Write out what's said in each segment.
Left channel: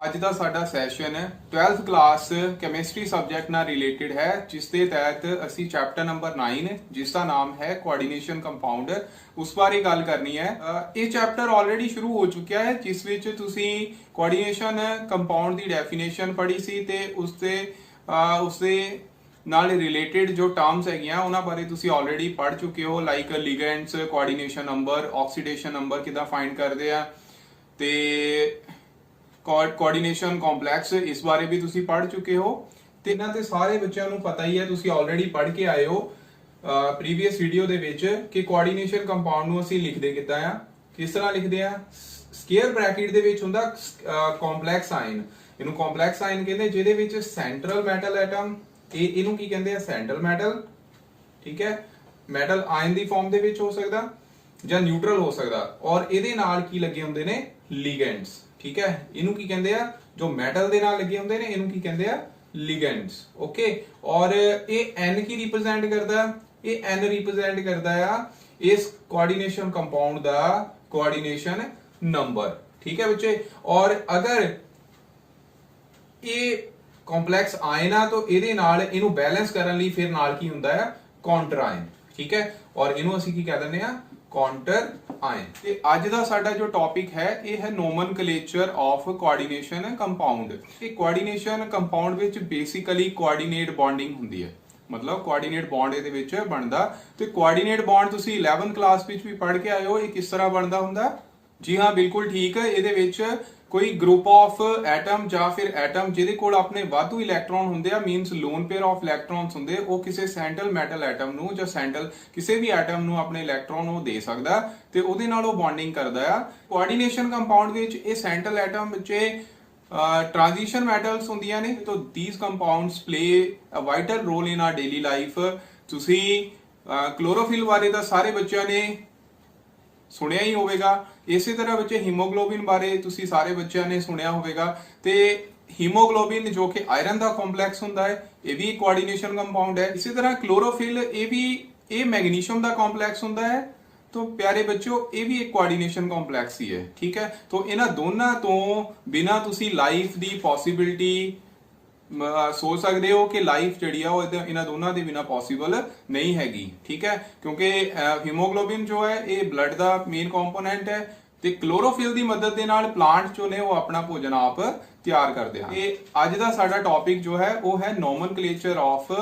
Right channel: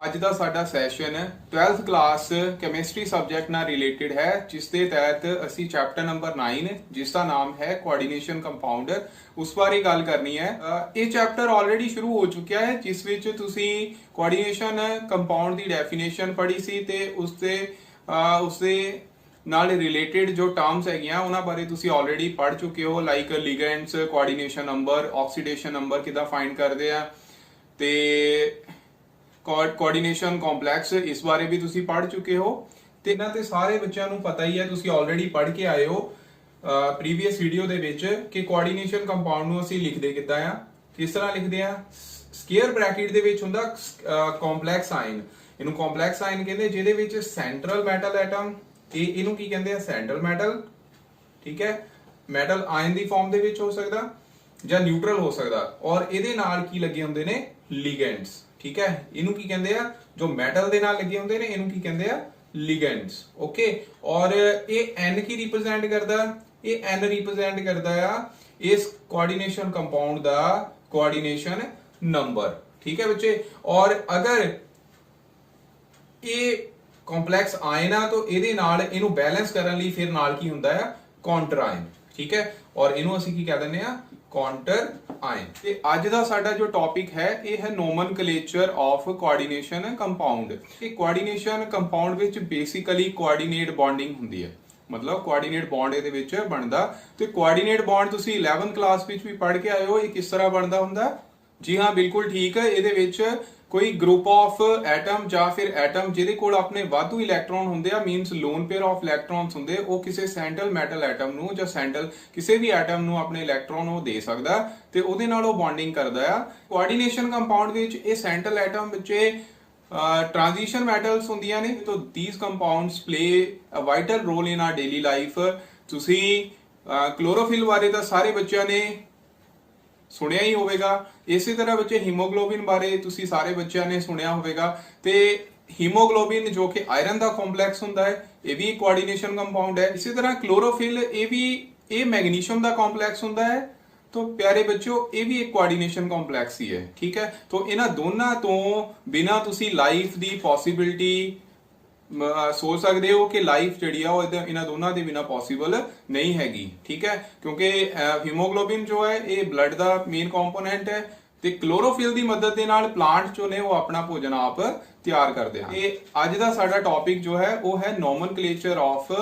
ਅੱਜ ਦਾ ਸਾਡਾ session 12th class chemistry subject ਨਾਲ ਰਿਲੇਟਡ ਹੈ, ਜਿਸ ਦੇ ਤਹਿਤ ਅਸੀਂ ਚੈਪਟਰ ਨੰਬਰ 9 ਜਿਸ ਦਾ ਨਾਮ ਹੈ ਕੋਆਰਡੀਨੇਸ਼ਨ ਕੰਪਾਊਂਡ ਉਸ ਬਾਰੇ ਗੱਲ ਕਰਨੀ ਹੈ। ਇਹ ਚੈਪਟਰ ਆਲਰੇਡੀ ਸ਼ੁਰੂ ਹੋ ਚੁੱਕਿਆ ਹੈ, ਜਿਸ ਵਿੱਚ ਤੁਸੀਂ ਕੋਆਰਡੀਨੇਸ਼ਨ ਕੰਪਾਊਂਡ ਦੀ ਡੈਫੀਨੇਸ਼ਨ ਪੜ੍ਹੀ ਸੀ ਤੇ ਉਸਦੇ ਨਾਲ ਰਿਲੇਟਡ ਜੋ ਟਰਮਸ ਹੈਗੀਆਂ ਉਹਨਾਂ ਬਾਰੇ ਤੁਸੀਂ ਆਲਰੇਡੀ ਪੜ੍ਹ ਚੁੱਕੇ ਹੋ, like ligands, coordination number, oxidation number ਕਿਦਾਂ ਫਾਈਂਡ ਕਰਦੇ ਆ ਤੇ ਕੋਆਰਡੀਨੇਸ਼ਨ ਕੰਪਲੈਕਸ ਇਸ ਬਾਰੇ ਵੀ ਤੁਸੀਂ ਪੜ੍ਹ ਚੁੱਕੇ ਹੋ ਤੇ ਇਹਨਾਂ ਤੇ ਸਾਰੇ ਬੱਚਿਆਂ ਨੂੰ ਪਤਾ ਹੀ ਹੈ, ਤੁਸੀਂ ਆਲਰੇਡੀ ਪੜ੍ਹ ਕੇ ਆਏ ਹੋ ਪ੍ਰੀਵੀਅਸ ਵੀਡੀਓ ਦੇ ਵਿੱਚ ਕਿ ਕੋਆਰਡੀਨੇਸ਼ਨ ਕੰਪਾਊਂਡ ਨੂੰ ਅਸੀਂ ਲਿਖਦੇ ਕਿੱਦਾਂ ਆ, ਕਿਸ ਤਰ੍ਹਾਂ ਲਿਖਦੇ ਆ। ਸਕੁਅਰ ਬ੍ਰੈਕਟ ਦੇ ਵਿੱਚ ਹੁੰਦਾ ਕੰਪਲੈਕਸ ਆਇਨ, ਇਹਨੂੰ ਕੰਪਲੈਕਸ ਆਇਨ ਕਹਿੰਦੇ, ਜਿਹਦੇ ਵਿੱਚ ਸੈਂਟਰਲ ਮੈਟਲ ਐਟਮ ਤੇ ਇਹਨੂੰ ਕੀ ਕਹਿੰਦੇ ਆ, ਸੈਂਟਰਲ ਮੈਟਲ। ਠੀਕ ਹੈ, ਮੈਟਲ ਆਇਨ ਦੀ ਫਾਰਮ ਦੇ ਵਿੱਚ ਹੋ ਸਕਦਾ ਜਾਂ ਨਿਊਟਰਲ ਹੋ ਸਕਦਾ, ਔਰ ਇਹਦੇ ਨਾਲ ਕੀ ਲੱਗੇ ਹੁੰਦੇ ਨੇ, ਲਿਗੈਂਡਸ। ਠੀਕ ਹੈ, ਇਹਨੂੰ ਕੀ ਕਹਿੰਦੇ ਆ, ਜੋ ਮੈਟਲ ਦੇ ਨਾਲ ਲੱਗੇ ਹੁੰਦੇ ਨੇ ਇਹਨੂੰ ਕੀ ਕਹਿੰਦੇ ਆ, ਲਿਗੈਂਡਸ। ਓਕੇ, ਔਰ ਇਹ n ਕੀ ਰਿਪਰੈਜ਼ੈਂਟ ਕਰਦਾ, ਇਹ n ਰਿਪਰੈਜ਼ੈਂਟ ਕਰਦਾ ਆ ਇਸ ਕੋਆਰਡੀਨੇਸ਼ਨ ਕੰਪਾਊਂਡ ਦਾ ਕੋਆਰਡੀਨੇਸ਼ਨ ਨੰਬਰ। ਠੀਕ ਹੈ ਬੱਚੇ, ਔਰ ਅਗਰ ਇਹ ਕੰਪਲੈਕਸ ਆਇਨ ਆ ਤਾਂ ਇਹਦੇ ਨਾਲ ਇਹਨੂੰ ਬੈਲੈਂਸ ਕਰਨ ਲਈ ਫਿਰ ਨਾਲ ਕੀ ਹੁੰਦਾ ਆ, ਕਾਉਂਟਰ ਆਇਨ। ਠੀਕ ਹੈ, ਔਰ ਇਹਨੂੰ ਅਸੀਂ ਕੀ ਕਹਿ ਦਿੰਦੇ ਆ, ਕਾਉਂਟਰ ਆਇਨ। ਤੇ ਅੱਜ ਦਾ ਸਾਡਾ ਜੋ ਟੌਪਿਕ ਹੈ ਇਹ ਹੈ ਨੋਮਨਕਲੇਚਰ ਆਫ ਕੋਆਰਡੀਨੇਸ਼ਨ ਕੰਪਾਊਂਡ। ਇਹ ਕੋਆਰਡੀਨੇਸ਼ਨ ਕੰਪਾਊਂਡ ਵਿੱਚ ਬੇਸਿਕਲੀ ਕੋਆਰਡੀਨੇਟ ਬੌਂਡਿੰਗ ਹੁੰਦੀ ਹੈ, ਮਤਲਬ ਕੋਆਰਡੀਨੇਟ ਬੌਂਡ ਇਹਦੇ ਵਿੱਚ ਬਣਦਾ। ਤੇ ਕੋਆਰਡੀਨੇਟ ਬੌਂਡ ਤੁਸੀਂ 11th ਕਲਾਸ ਵਿੱਚ ਵੀ ਪੜ੍ਹ ਕੇ ਆਏ ਹੋ, ਇਹ ਕਿਸ ਤਰ੍ਹਾਂ ਬਣਦਾ ਹੁੰਦਾ। ਜੀ ਹਾਂ, ਬਿਲਕੁਲ ਠੀਕ ਹੈ। ਇਹਦੇ ਵਿੱਚ ਕੋਈ ਗਰੁੱਪ ਆਫ ਐਟਮ ਜਾਂ ਫਿਰ ਐਟਮ ਜਿਹਦੇ ਕੋਲ ਆਪਣੇ ਵਾਧੂ ਇਲੈਕਟ੍ਰੋਨ ਹੁੰਦੇ ਆ, means lone pair of electrons ਹੁੰਦੇ, ਉਹ ਕਿਸੇ ਸੈਂਟਰਲ ਮੈਟਲ ਐਟਮ ਨੂੰ ਜਾਂ ਸੈਂਟਰਲ ਕਿਸੇ ਵੀ ਐਟਮ ਨੂੰ ਆਪਣੇ ਇਲੈਕਟ੍ਰੋਨ ਉਹ ਦੇ ਸਕਦਾ ਤੇ ਉਹਦੇ ਨਾਲ ਉਹ ਬੌਂਡਿੰਗ ਕਰਦਾ ਆ। ਕੋਆਰਡੀਨੇਸ਼ਨ ਕੰਪਾਊਂਡ ਵਿੱਚ ਇਹ ਸੈਂਟਰਲ ਐਟਮ ਵਿੱਚ transition metals ਹੁੰਦੀਆਂ ਨੇ। ਤਾਂ these compounds play a vital role in our daily life। ਤੁਸੀਂ ਕਲੋਰੋਫਿਲ ਬਾਰੇ ਤਾਂ ਸਾਰੇ ਬੱਚਿਆਂ ਨੇ ਸੁਣਿਆ ਹੀ ਹੋਵੇਗਾ, ਇਸੇ ਤਰ੍ਹਾਂ ਬੱਚੇ ਹੀਮੋਗਲੋਬਿਨ ਬਾਰੇ ਤੁਸੀਂ ਸਾਰੇ ਬੱਚਿਆਂ ਨੇ ਸੁਣਿਆ ਹੋਵੇਗਾ। ਤੇ ਹੀਮੋਗਲੋਬਿਨ ਜੋ ਕਿ ਆਇਰਨ ਦਾ ਕੰਪਲੈਕਸ ਹੁੰਦਾ ਹੈ, ਇਹ ਵੀ ਕੋਆਰਡੀਨੇਸ਼ਨ ਕੰਪਾਊਂਡ ਹੈ। ਇਸੇ ਤਰ੍ਹਾਂ ਕਲੋਰੋਫਿਲ ਇਹ ਮੈਗਨੀਸ਼ੀਅਮ ਦਾ ਕੰਪਲੈਕਸ ਹੁੰਦਾ ਹੈ। तो प्यारे बच्चों ये भी एक कोआर्डिनेशन कॉम्प्लैक्स ही है। ठीक है, तो इन्हां दोनों तो बिना तुसी लाइफ दी पॉसिबिलिटी सोच सकते हो कि लाइफ जिहड़ी आ ओह इन्हां दोनों दे बिना पॉसिबल नहीं हैगी। ठीक है, क्योंकि हीमोग्लोबिन जो है ये ब्लड दा मेन कंपोनेंट है ते क्लोरोफिल दी मदद दे नाल प्लांट जो ने वो अपना भोजन आप तैयार करते हैं। ये अज दा साडा टॉपिक जो है वो है nomenclature of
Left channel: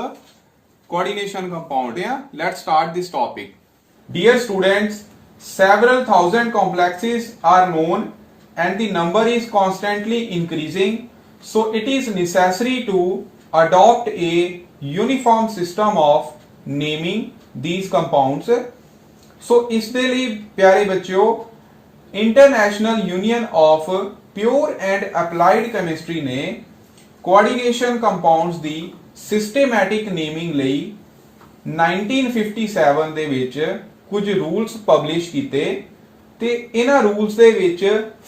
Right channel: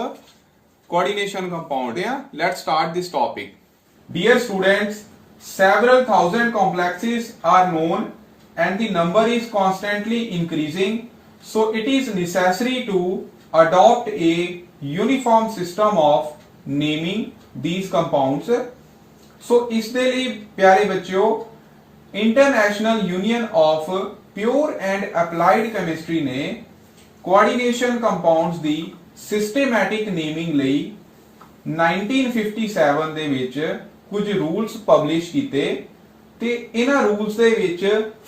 coordination compound. Let's start this topic. Dear students, several thousand complexes are known and the number is constantly increasing, so it is necessary to adopt a uniform system of naming these compounds। So ਇਸ ਦੇ ਲਈ ਪਿਆਰੇ ਬੱਚਿਓ international union of pure and applied chemistry ਨੇ coordination compounds ਦੀ systematic naming ਲਈ 1957 ਦੇ ਵਿੱਚ ਕੁਝ ਰੂਲਸ ਪਬਲਿਸ਼ ਕੀਤੇ ਤੇ ਇਹਨਾਂ ਰੂਲਸ ਦੇ ਵਿੱਚ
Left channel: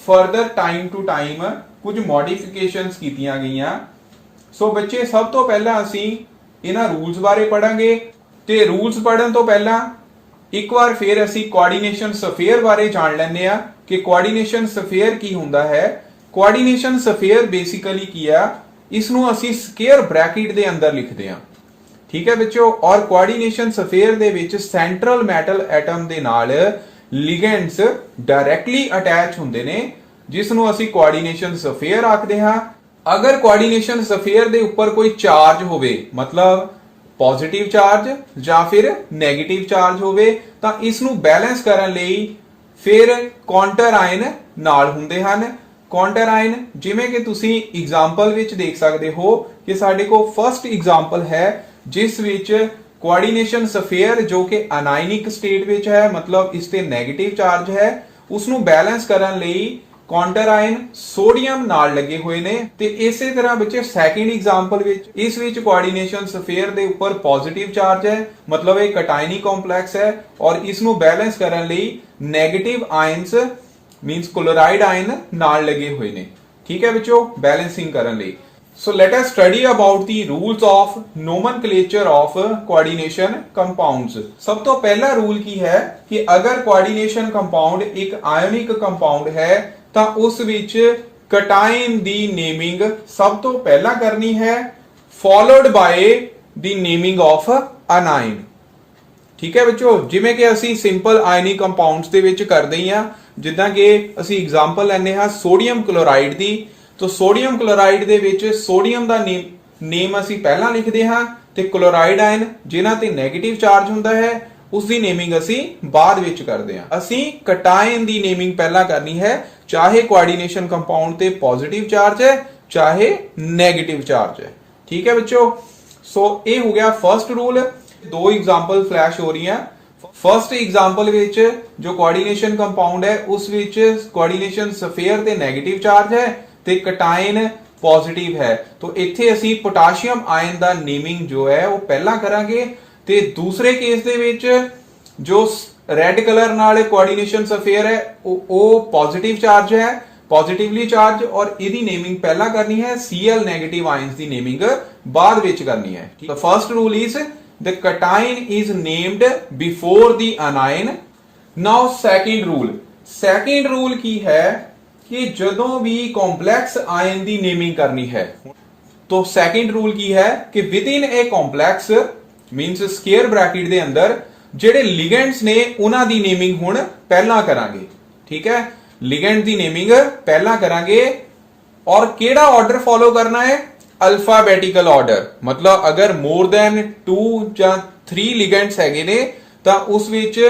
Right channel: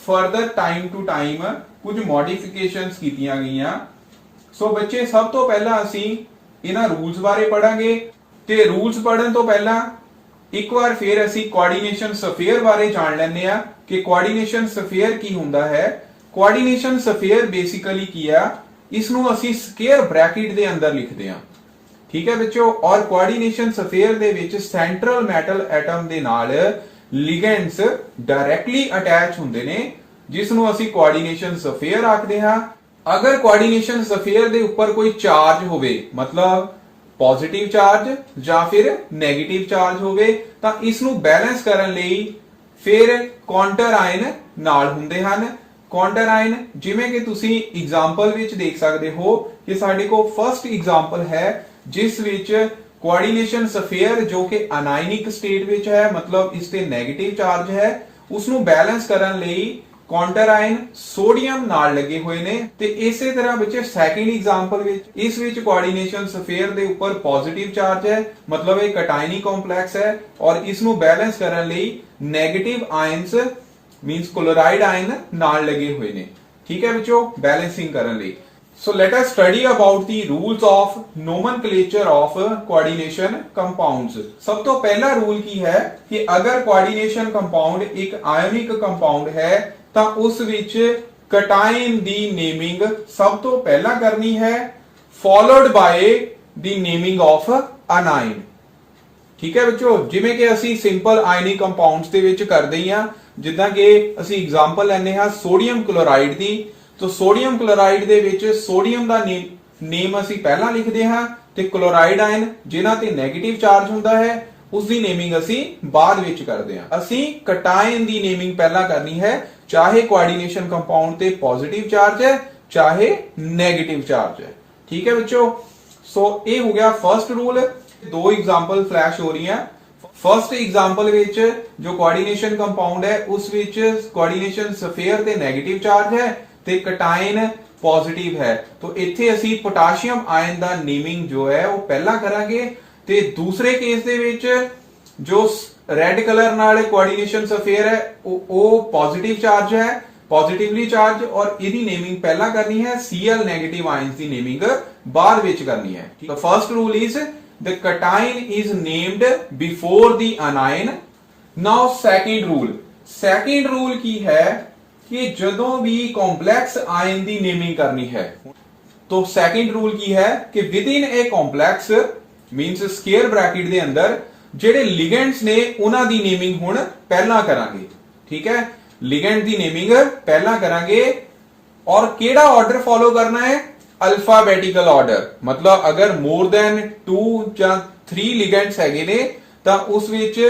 ਫਰਦਰ ਟਾਈਮ ਟੂ ਟਾਈਮ ਕੁਝ ਮੋਡੀਫਿਕੇਸ਼ਨਸ ਕੀਤੀਆਂ ਗਈਆਂ। ਸੋ ਬੱਚੇ ਸਭ ਤੋਂ ਪਹਿਲਾਂ ਅਸੀਂ ਇਹਨਾਂ ਰੂਲਸ ਬਾਰੇ ਪੜਾਂਗੇ ਤੇ ਰੂਲਸ ਪੜਨ ਤੋਂ ਪਹਿਲਾਂ ਇੱਕ ਵਾਰ ਫਿਰ ਅਸੀਂ ਕੋਆਰਡੀਨੇਸ਼ਨ ਸਫੇਅਰ ਬਾਰੇ ਜਾਣ ਲੈਂਦੇ ਆ ਕਿ ਕੋਆਰਡੀਨੇਸ਼ਨ ਸਫੇਅਰ ਕੀ ਹੁੰਦਾ ਹੈ। ਕੋਆਰਡੀਨੇਸ਼ਨ ਸਫੇਅਰ ਬੇਸਿਕਲੀ ਕੀ ਆ, ਇਸ ਨੂੰ ਅਸੀਂ ਸਕੁਅਰ ਬ੍ਰੈਕਟ ਦੇ ਅੰਦਰ ਲਿਖਦੇ ਆ। ਠੀਕ ਹੈ ਬੱਚਿਓ, ਔਰ ਕੋਆਰਡੀਨੇਸ਼ਨ ਸਫੇਅਰ ਦੇ ਵਿੱਚ ਸੈਂਟਰਲ ਮੈਟਲ ਐਟਮ ਦੇ ਨਾਲ ਲਿਗੈਂਡਸ ਡਾਇਰੈਕਟਲੀ ਅਟੈਚ ਹੁੰਦੇ ਨੇ, ਜਿਸ ਨੂੰ ਅਸੀਂ ਕੋਆਰਡੀਨੇਸ਼ਨ ਸਫੇਅਰ ਆਖਦੇ ਹਾਂ। ਅਗਰ ਕੋਆਰਡੀਨੇਸ਼ਨ ਸਫੇਅਰ ਦੇ ਉੱਪਰ ਕੋਈ ਚਾਰਜ ਹੋਵੇ, ਮਤਲਬ ਪੋਜ਼ਿਟਿਵ ਚਾਰਜ ਜਾਂ ਫਿਰ ਨੈਗੇਟਿਵ ਚਾਰਜ ਹੋਵੇ, ਤਾਂ ਇਸ ਨੂੰ ਬੈਲੈਂਸ ਕਰਨ ਲਈ ਫਿਰ ਕਾਉਂਟਰ ਆਇਨ ਨਾਲ ਹੁੰਦੇ ਹਨ। ਕਾਉਂਟਰ ਆਇਨ ਜਿਵੇਂ ਕਿ ਤੁਸੀਂ ਐਗਜ਼ਾਮਪਲ ਵਿੱਚ ਦੇਖ ਸਕਦੇ ਹੋ ਕਿ ਸਾਡੇ ਕੋਲ ਫਰਸਟ ਐਗਜ਼ਾਮਪਲ ਹੈ, ਜਿਸ ਵਿੱਚ ਕੋਆਰਡੀਨੇਸ਼ਨ ਸਫੇਅਰ ਜੋ ਕਿ ਅਨਾਇਨਿਕ ਸਟੇਟ ਵਿੱਚ ਹੈ, ਮਤਲਬ ਇਸ ਤੇ 네ਗੇਟਿਵ ਚਾਰਜ ਹੈ, ਉਸ ਨੂੰ ਬੈਲੈਂਸ ਕਰਨ ਲਈ ਕਾਉਂਟਰ ਆਇਨ ਸੋਡੀਅਮ ਨਾਲ ਲੱਗੇ ਹੋਏ ਨੇ। ਤੇ ਇਸੇ ਤਰ੍ਹਾਂ ਬੱਚੇ ਸੈਕੰਡ ਐਗਜ਼ਾਮਪਲ ਵਿੱਚ ਇਸ ਵਿੱਚ ਕੋਆਰਡੀਨੇਸ਼ਨ ਸਫੇਅਰ ਦੇ ਉੱਪਰ ਪੋਜ਼ਿਟਿਵ ਚਾਰਜ ਹੈ, ਮਤਲਬ ਇਹ ਕਟਾਇਨੀ ਕੰਪਲੈਕਸ ਹੈ, ਔਰ ਇਸ ਨੂੰ ਬੈਲੈਂਸ ਕਰਨ ਲਈ negative ions means chloride ion ਨਾਲ ਲੱਗੇ ਹੋਏ ਨੇ। ਠੀਕ ਹੈ ਬੱਚੋ, ਬੈਲੈਂਸਿੰਗ ਕਰਨ ਲਈ। So let us study about the rules of nomenclature of coordination compounds। सब तो पहला रूल की है कि अगर coordination compound एक ionic compound है ਤਾਂ ਉਸ ਵਿੱਚ ਕਟਾਇਨ ਦੀ ਨੇਮਿੰਗ ਸਭ ਤੋਂ ਪਹਿਲਾਂ ਕਰਨੀ ਹੈ, ਫੋਲੋਡ ਬਾय ਦੀ ਨੇਮਿੰਗ ਆਫ ਅਨਾਇਨ। ਠੀਕ ਹੈ ਬੱਚੋ, ਜਿਵੇਂ ਕਿ ਅਸੀਂ ਸਿੰਪਲ ਆਇਨਿਕ ਕੰਪਾਊਂਡਸ ਦੇ ਵਿੱਚ ਕਰਦੇ ਹੀ ਆ, ਜਿੱਦਾਂ ਕਿ ਅਸੀਂ ਐਗਜ਼ਾਮਪਲ ਲੈਨੇ ਹਾਂ ਸੋਡੀਅਮ ਕਲੋਰਾਈਡ ਦੀ। ਤਾਂ ਸੋਡੀਅਮ ਕਲੋਰਾਈਡ ਦੇ ਵਿੱਚ ਸੋਡੀਅਮ ਦਾ ਨੇਮ ਅਸੀਂ ਪਹਿਲਾਂ ਲਿਖਦੇ ਹਾਂ ਤੇ ਕਲੋਰਾਈਡ ਆਇਨ ਜਿਨ੍ਹਾਂ ਤੇ 네ਗੇਟਿਵ ਚਾਰਜ ਹੁੰਦਾ ਹੈ ਉਸ ਦੀ ਨੇਮਿੰਗ ਅਸੀਂ ਬਾਅਦ ਵਿੱਚ ਕਰਦੇ ਹਾਂ। ਅਸੀਂ ਕਟਾਇਨ ਦੀ ਨੇਮਿੰਗ ਪਹਿਲਾਂ ਕਰਨੀ ਹੈ, ਚਾਹੇ ਕੋਆਰਡੀਨੇਸ਼ਨ ਕੰਪਾਊਂਡ ਤੇ ਪੋਜ਼ਿਟਿਵ ਚਾਰਜ ਹੈ ਚਾਹੇ 네ਗੇਟਿਵ ਚਾਰਜ ਹੈ। ਠੀਕ ਹੈ ਬੱਚੋ, ਸੋ ਇਹ ਹੋ ਗਿਆ ਫਰਸਟ ਰੂਲ। ਦੋ ਐਗਜ਼ਾਮਪਲ ਫਲੈਸ਼ ਹੋ ਰਹੀਆਂ। ਫਰਸਟ ਐਗਜ਼ਾਮਪਲ ਵਿੱਚ ਜੋ ਕੋਆਰਡੀਨੇਸ਼ਨ ਕੰਪਾਊਂਡ ਹੈ ਉਸ ਵਿੱਚ ਕੋਆਰਡੀਨੇਸ਼ਨ ਸਫੇਅਰ ਤੇ 네ਗੇਟਿਵ ਚਾਰਜ ਹੈ ਤੇ ਕਟਾਇਨ ਪੋਜ਼ਿਟਿਵ ਹੈ। तो ਇੱਥੇ ਅਸੀਂ ਪੋਟਾਸ਼ੀਅਮ ਆਇਨ ਦਾ ਨੇਮਿੰਗ ਜੋ ਹੈ ਉਹ ਪਹਿਲਾਂ ਕਰਾਂਗੇ ਤੇ ਦੂਸਰੇ ਕੇਸ ਦੇ ਵਿੱਚ ਜੋ ਰੈੱਡ ਕਲਰ ਨਾਲ ਕੋਆਰਡੀਨੇਸ਼ਨ ਸਫੇਅਰ ਹੈ ਉਹ ਪੋਜ਼ਿਟਿਵ ਚਾਰਜ ਹੈ, ਪੋਜ਼ਿਟਿਵਲੀ ਚਾਰਜ, ਔਰ ਇਹਦੀ ਨੇਮਿੰਗ ਪਹਿਲਾਂ ਕਰਨੀ ਹੈ, Cl ਨੈਗੇਟਿਵ ਆਇਨਸ ਦੀ ਨੇਮਿੰਗ ਬਾਅਦ ਵਿੱਚ ਕਰਨੀ ਹੈ। The first rule is the cation is named before the anion. Now second rule ਕੀ ਹੈ ਕਿ ਜਦੋਂ ਵੀ ਕੰਪਲੈਕਸ ਆਇਨ ਦੀ ਨੇਮਿੰਗ ਕਰਨੀ ਹੈ तो second rule ਕੀ ਹੈ ਕਿ within a complex means square bracket ਦੇ ਅੰਦਰ ਜਿਹੜੇ ਲਿਗੈਂਡਸ ਨੇ ਉਹਨਾਂ ਦੀ ਨੇਮਿੰਗ ਹੁਣ ਪਹਿਲਾਂ ਕਰਾਂਗੇ। ਠੀਕ ਹੈ, ਲਿਗੈਂਡ ਦੀ ਨੇਮਿੰਗ ਪਹਿਲਾਂ ਕਰਾਂਗੇ ਔਰ ਕਿਹੜਾ ਆਰਡਰ ਫੋਲੋ ਕਰਨਾ ਹੈ, ਅਲਫਾਬੈਟਿਕਲ ਆਰਡਰ। ਮਤਲਬ ਅਗਰ ਮੋਰ ਦੈਨ 2 ਜਾਂ 3 ਲਿਗੈਂਡਸ ਹੈਗੇ ਨੇ ਤਾਂ ਉਸ ਵਿੱਚ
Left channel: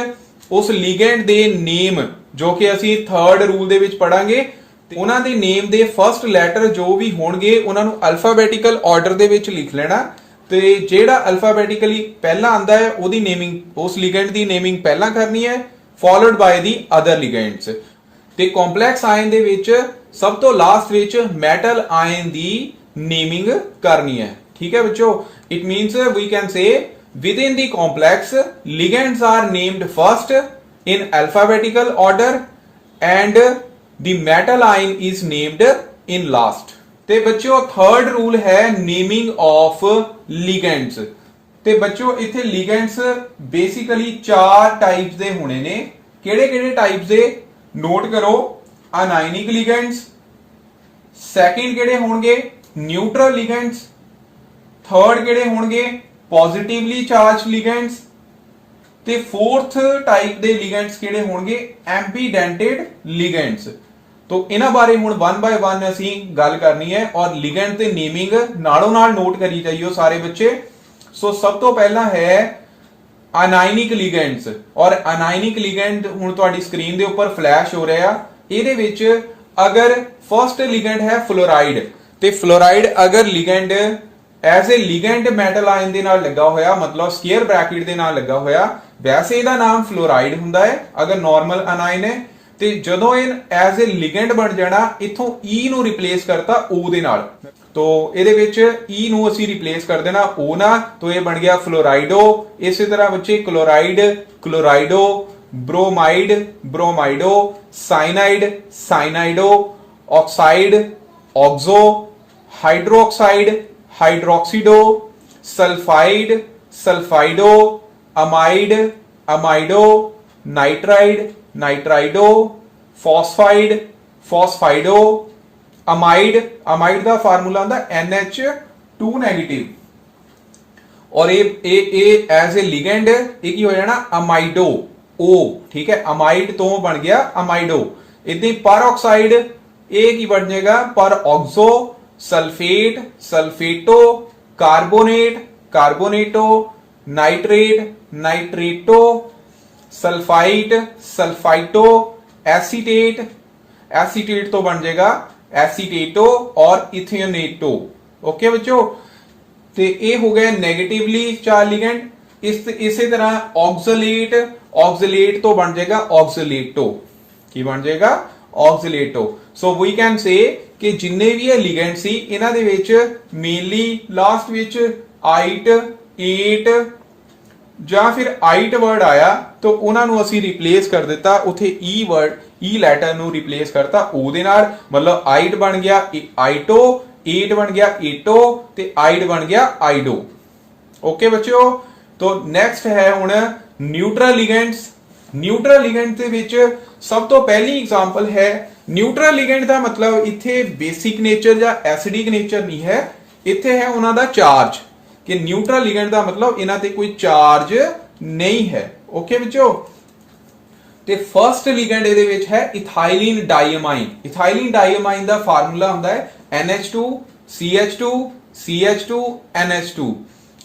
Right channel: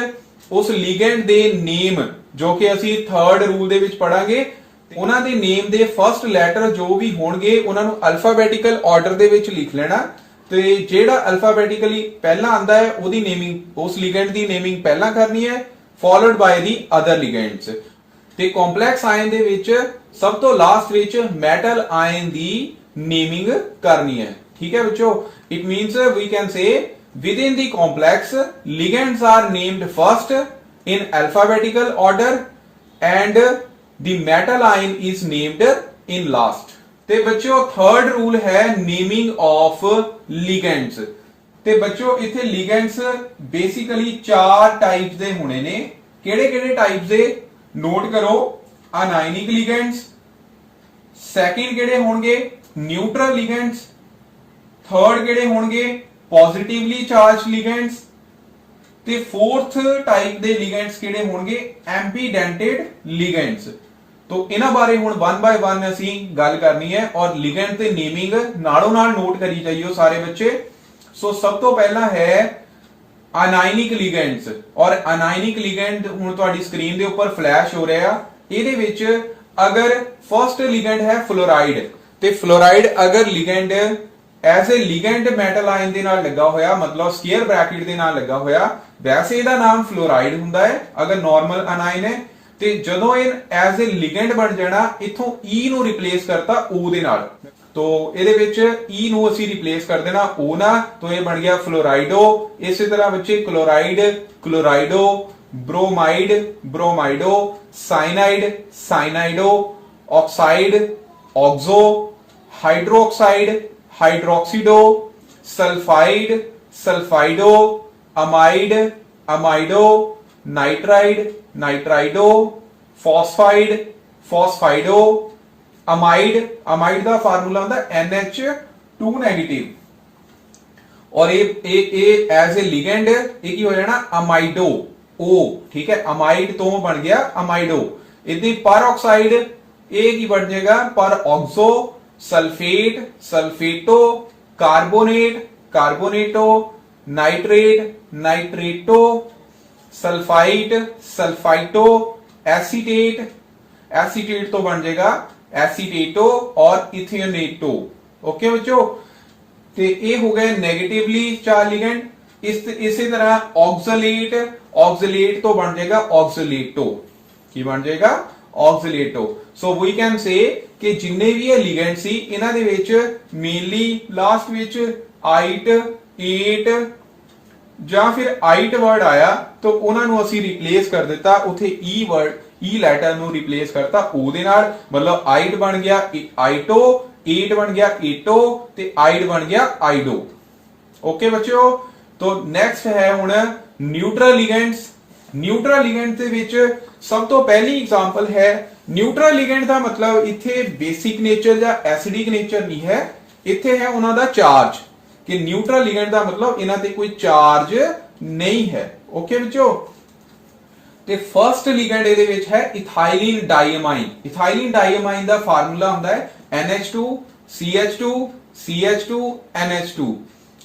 ਉਸ ਲਿਗੈਂਡ ਦੇ ਨੇਮ ਜੋ ਕਿ ਅਸੀਂ ਥਰਡ ਰੂਲ ਦੇ ਵਿੱਚ ਪੜਾਂਗੇ ਉਹਨਾਂ ਦੇ ਨੇਮ ਦੇ ਫਰਸਟ ਲੈਟਰ ਜੋ ਵੀ ਹੋਣਗੇ ਉਹਨਾਂ ਨੂੰ ਅਲਫਾਬੈਟਿਕਲ ਆਰਡਰ ਦੇ ਵਿੱਚ ਲਿਖ ਲੈਣਾ ਤੇ ਜਿਹੜਾ ਅਲਫਾਬੈਟਿਕਲੀ ਪਹਿਲਾਂ ਆਂਦਾ ਹੈ ਉਹਦੀ ਨੇਮਿੰਗ ਉਸ ਲਿਗੈਂਡ ਦੀ ਨੇਮਿੰਗ ਪਹਿਲਾਂ ਕਰਨੀ ਹੈ ਫੋਲੋਡ ਬਾय ਦੀ ਅਦਰ ਲਿਗੈਂਡਸ। ਤੇ ਕੰਪਲੈਕਸ ਆਇਨ ਦੇ ਵਿੱਚ ਸਭ ਤੋਂ ਲਾਸਟ ਵਿੱਚ ਮੈਟਲ ਆਇਨ ਦੀ ਨੇਮਿੰਗ ਕਰਨੀ ਹੈ। ਠੀਕ ਹੈ ਬੱਚੋ, it means we can say within the complex ligands are named first in alphabetical order and the metal ion is named in last। ਤੇ ਬੱਚਿਓ ਥਰਡ ਰੂਲ ਹੈ ਨੇਮਿੰਗ ਆਫ ਲਿਗੈਂਡਸ। ਤੇ ਬੱਚਿਓ ਇੱਥੇ ਲਿਗੈਂਡਸ ਬੇਸਿਕਲੀ 4 ਟਾਈਪਸ ਦੇ ਹੋਣੇ ਨੇ। ਕਿਹੜੇ ਟਾਈਪਸ ਦੇ ਨੋਟ ਕਰੋ, ਅਨਾਇਨਿਕ ਲਿਗੈਂਡਸ, ਸੈਕਿੰਡ ਕਿਹੜੇ ਹੋਣਗੇ ਨਿਊਟਰਲ ਲਿਗੈਂਡਸ, ਥਰਡ ਕਿਹੜੇ ਹੋਣਗੇ ਪੋਜ਼ਿਟਿਵਲੀ ਚਾਰਜ ਲਿਗੈਂਡਸ ਤੇ ਫੋਰਥ ਟਾਈਪ ਦੇ ਲਿਗੈਂਡਸ ਕਿਹੜੇ ਹੋਣਗੇ ਐਂਪੀਡੈਂਟਡ ਲਿਗੈਂਡਸ। तो ਇਹਨਾਂ ਬਾਰੇ ਹੁਣ 1 ਬਾय 1 ਅਸੀਂ ਗੱਲ ਕਰਨੀ ਹੈ ਔਰ ਲਿਗੈਂਡ ਤੇ ਨੇਮਿੰਗ ਨਾਲੋਂ ਨਾਲ ਨੋਟ ਕਰੀ ਜਾਈਓ ਸਾਰੇ ਬੱਚੇ। ਸੋ ਸਭ ਤੋਂ ਪਹਿਲਾਂ ਹੈ ਅਨਾਇਨਿਕ ਲਿਗੈਂਡਸ ਔਰ ਅਨਾਇਨਿਕ ਲਿਗੈਂਡ ਹੁਣ ਤੁਹਾਡੀ ਸਕਰੀਨ ਦੇ ਉੱਪਰ ਫਲੈਸ਼ ਹੋ ਰਿਹਾ। ਇਹਦੇ ਵਿੱਚ ਅਗਰ ਫਰਸਟ ਲਿਗੈਂਡ ਹੈ ਫਲੋਰਾਈਡ ਤੇ ਫਲੋਰਾਈਡ ਅਗਰ ਲਿਗੈਂਡ ਐਜ਼ ਅ ਲਿਗੈਂਡ ਮੈਟਲ ਆਇਨ ਦੇ ਨਾਲ ਲੱਗਾ ਹੋਇਆ ਮਤਲਬ ਸਕੁਅਰ ਬ੍ਰੈਕਟ ਦੇ ਨਾਲ ਲੱਗਾ ਹੋਇਆ ਵੈਸੇ ਇਹਦਾ ਨਾਮ ਫਲੋਰਾਈਡ ਹੁੰਦਾ ਹੈ ਅਗਰ ਨਾਰਮਲ ਅਨਾਇਨ ਹੈ। ਤੇ ਜਦੋਂ ਇਹ ਐਜ਼ ਅ ਲਿਗੈਂਡ ਬਣ ਜਾਣਾ ਇਥੋਂ E ਨੂੰ ਰਿਪਲੇਸ ਕਰਤਾ O ਦੇ ਨਾਲ तो ਇਹਦੇ ਵਿੱਚ E ਨੂੰ ਅਸੀਂ ਰਿਪਲੇਸ ਕਰ ਦੇਣਾ O ਨਾਲ तो ਇਹ ਬਣ ਗਿਆ ਫਲੋਰਾਈਡੋ। ਇਸੇ ਤਰ੍ਹਾਂ ਬੱਚੇ chloride chlorido, bromide bromido, cyanide cyanido, oxide oxo, hydroxide hydroxido, sulphide sulphido, amide amido, nitride nitrido, phosphide phosphido, amide amide का फार्मूला आंदा NH2 नेगेटिव और ये एज ए लिगेंड ये की हो जाना अमाइडो O। ठीक है, अमाइड तो बन गया अमाइडो। इतनी पर ऑक्साइड ए की बन जाएगा पर oxo, sulphate sulphato, carbonate carbonato, nitrate nitrato, sulphite sulphito, acetate acetate तो बन जाएगा एसीटेटो और इथेनेटो। ओके बच्चों, ते ये हो गए नेगेटिवली चार्ज लिगेंड। इसी तरह ऑक्सलेट ऑक्सलेट तो बन जाएगा ऑक्सलेटो की बन जाएगा ऑक्सलेटो। सो वी कैन से कि जिन्ने भी है लिगेंड सी इन्हां दे विच मेनली लास्ट विच आइट एट ਜਾਂ ਫਿਰ ਆਈਟ ਵਰਡ ਆਇਆ ਤਾਂ ਉਹਨਾਂ ਨੂੰ ਅਸੀਂ ਰਿਪਲੇਸ ਕਰ ਦਿੱਤਾ ਉੱਥੇ ਈ ਵਰਡ ਈ ਲੈਟਰ ਨੂੰ ਰਿਪਲੇਸ ਕਰਤਾ O ਦੇ ਨਾਲ ਮਤਲਬ ਆਈਟ ਬਣ ਗਿਆ ਆਈਟੋ, ਏਟ ਬਣ ਗਿਆ ਏਟੋ ਤੇ ਆਈਡ ਬਣ ਗਿਆ ਆਈਡੋ। ਓਕੇ ਬੱਚਿਓ, तो ਨੈਕਸਟ ਹੈ ਹੁਣ ਨਿਊਟਰਲ ਲਿਗੈਂਡਸ। ਨਿਊਟਰਲ ਲਿਗੈਂਡ ਦੇ ਵਿੱਚ ਸਭ ਤੋਂ ਪਹਿਲੀ ਐਗਜ਼ਾਮਪਲ ਹੈ न्यूट्रल लिगेंड का मतलब इत्थे बेसिक नेचर या एसिडिक नेचर नहीं है, इत्थे है उन्हां दा चार्ज कि न्यूट्रल लिगेंड का मतलब इन्हां ते कोई चार्ज नहीं है। ओके बच्चों, ते फर्स्ट लिगेंड इहदे विच है इथाइलिन डाइअमाइन। इथाइलिन डाइअमाइन का फार्मूला हुंदा है NH2 CH2 CH2 NH2।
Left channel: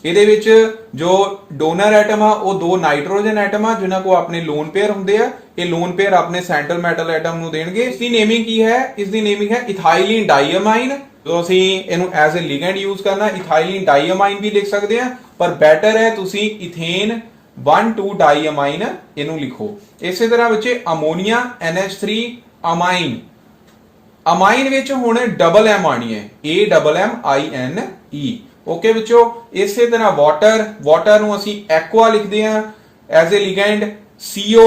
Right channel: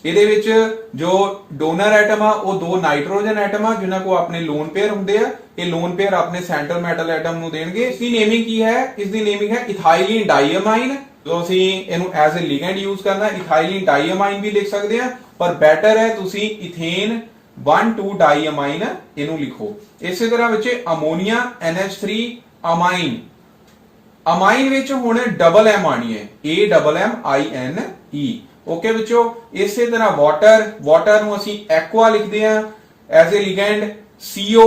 ਇਹਦੇ ਵਿੱਚ ਜੋ ਡੋਨਰ ਐਟਮ ਆ ਉਹ ਦੋ ਨਾਈਟ੍ਰੋਜਨ ਐਟਮ ਆ ਜਿਨ੍ਹਾਂ ਕੋ ਆਪਣੇ ਲੋਨ ਪੇਅਰ ਹੁੰਦੇ ਆ। ਇਹ ਲੋਨ ਪੇਅਰ ਆਪਣੇ ਸੈਂਟਰਲ ਮੈਟਲ ਐਟਮ ਨੂੰ ਦੇਣਗੇ। ਇਸ ਦੀ ਨੇਮਿੰਗ ਕੀ ਹੈ? ਇਸ ਦੀ ਨੇਮਿੰਗ ਹੈ ਇਥਾਈਲਿਨ ਡਾਈਅਮਾਈਨ। ਜੋ ਅਸੀਂ ਇਹਨੂੰ ਐਜ਼ ਅ ਲਿਗੈਂਡ ਯੂਜ਼ ਕਰਨਾ, ਇਥਾਈਲਿਨ ਡਾਈਅਮਾਈਨ ਵੀ ਲਿਖ ਸਕਦੇ ਆ, ਪਰ ਬੈਟਰ ਹੈ ਤੁਸੀਂ ਇਥੇਨ 1,2 ਡਾਈਅਮਾਈਨ ਇਹਨੂੰ ਲਿਖੋ। ਇਸੇ ਤਰ੍ਹਾਂ ਵਿੱਚ ਅਮੋਨੀਆ NH3 ਅਮਾਈਨ। ਅਮਾਈਨ ਵਿੱਚ ਹੁਣ ਡਬਲ ਐਮ ਆਣੀ ਹੈ, AMMINE। ओके बच्चों, इसे तरह वाटर, वाटर ਨੂੰ ਅਸੀਂ ਐਕਵਾ ਲਿਖਦੇ ਆ ਐਜ਼ ਅ ਲਿਗੈਂਡ। CO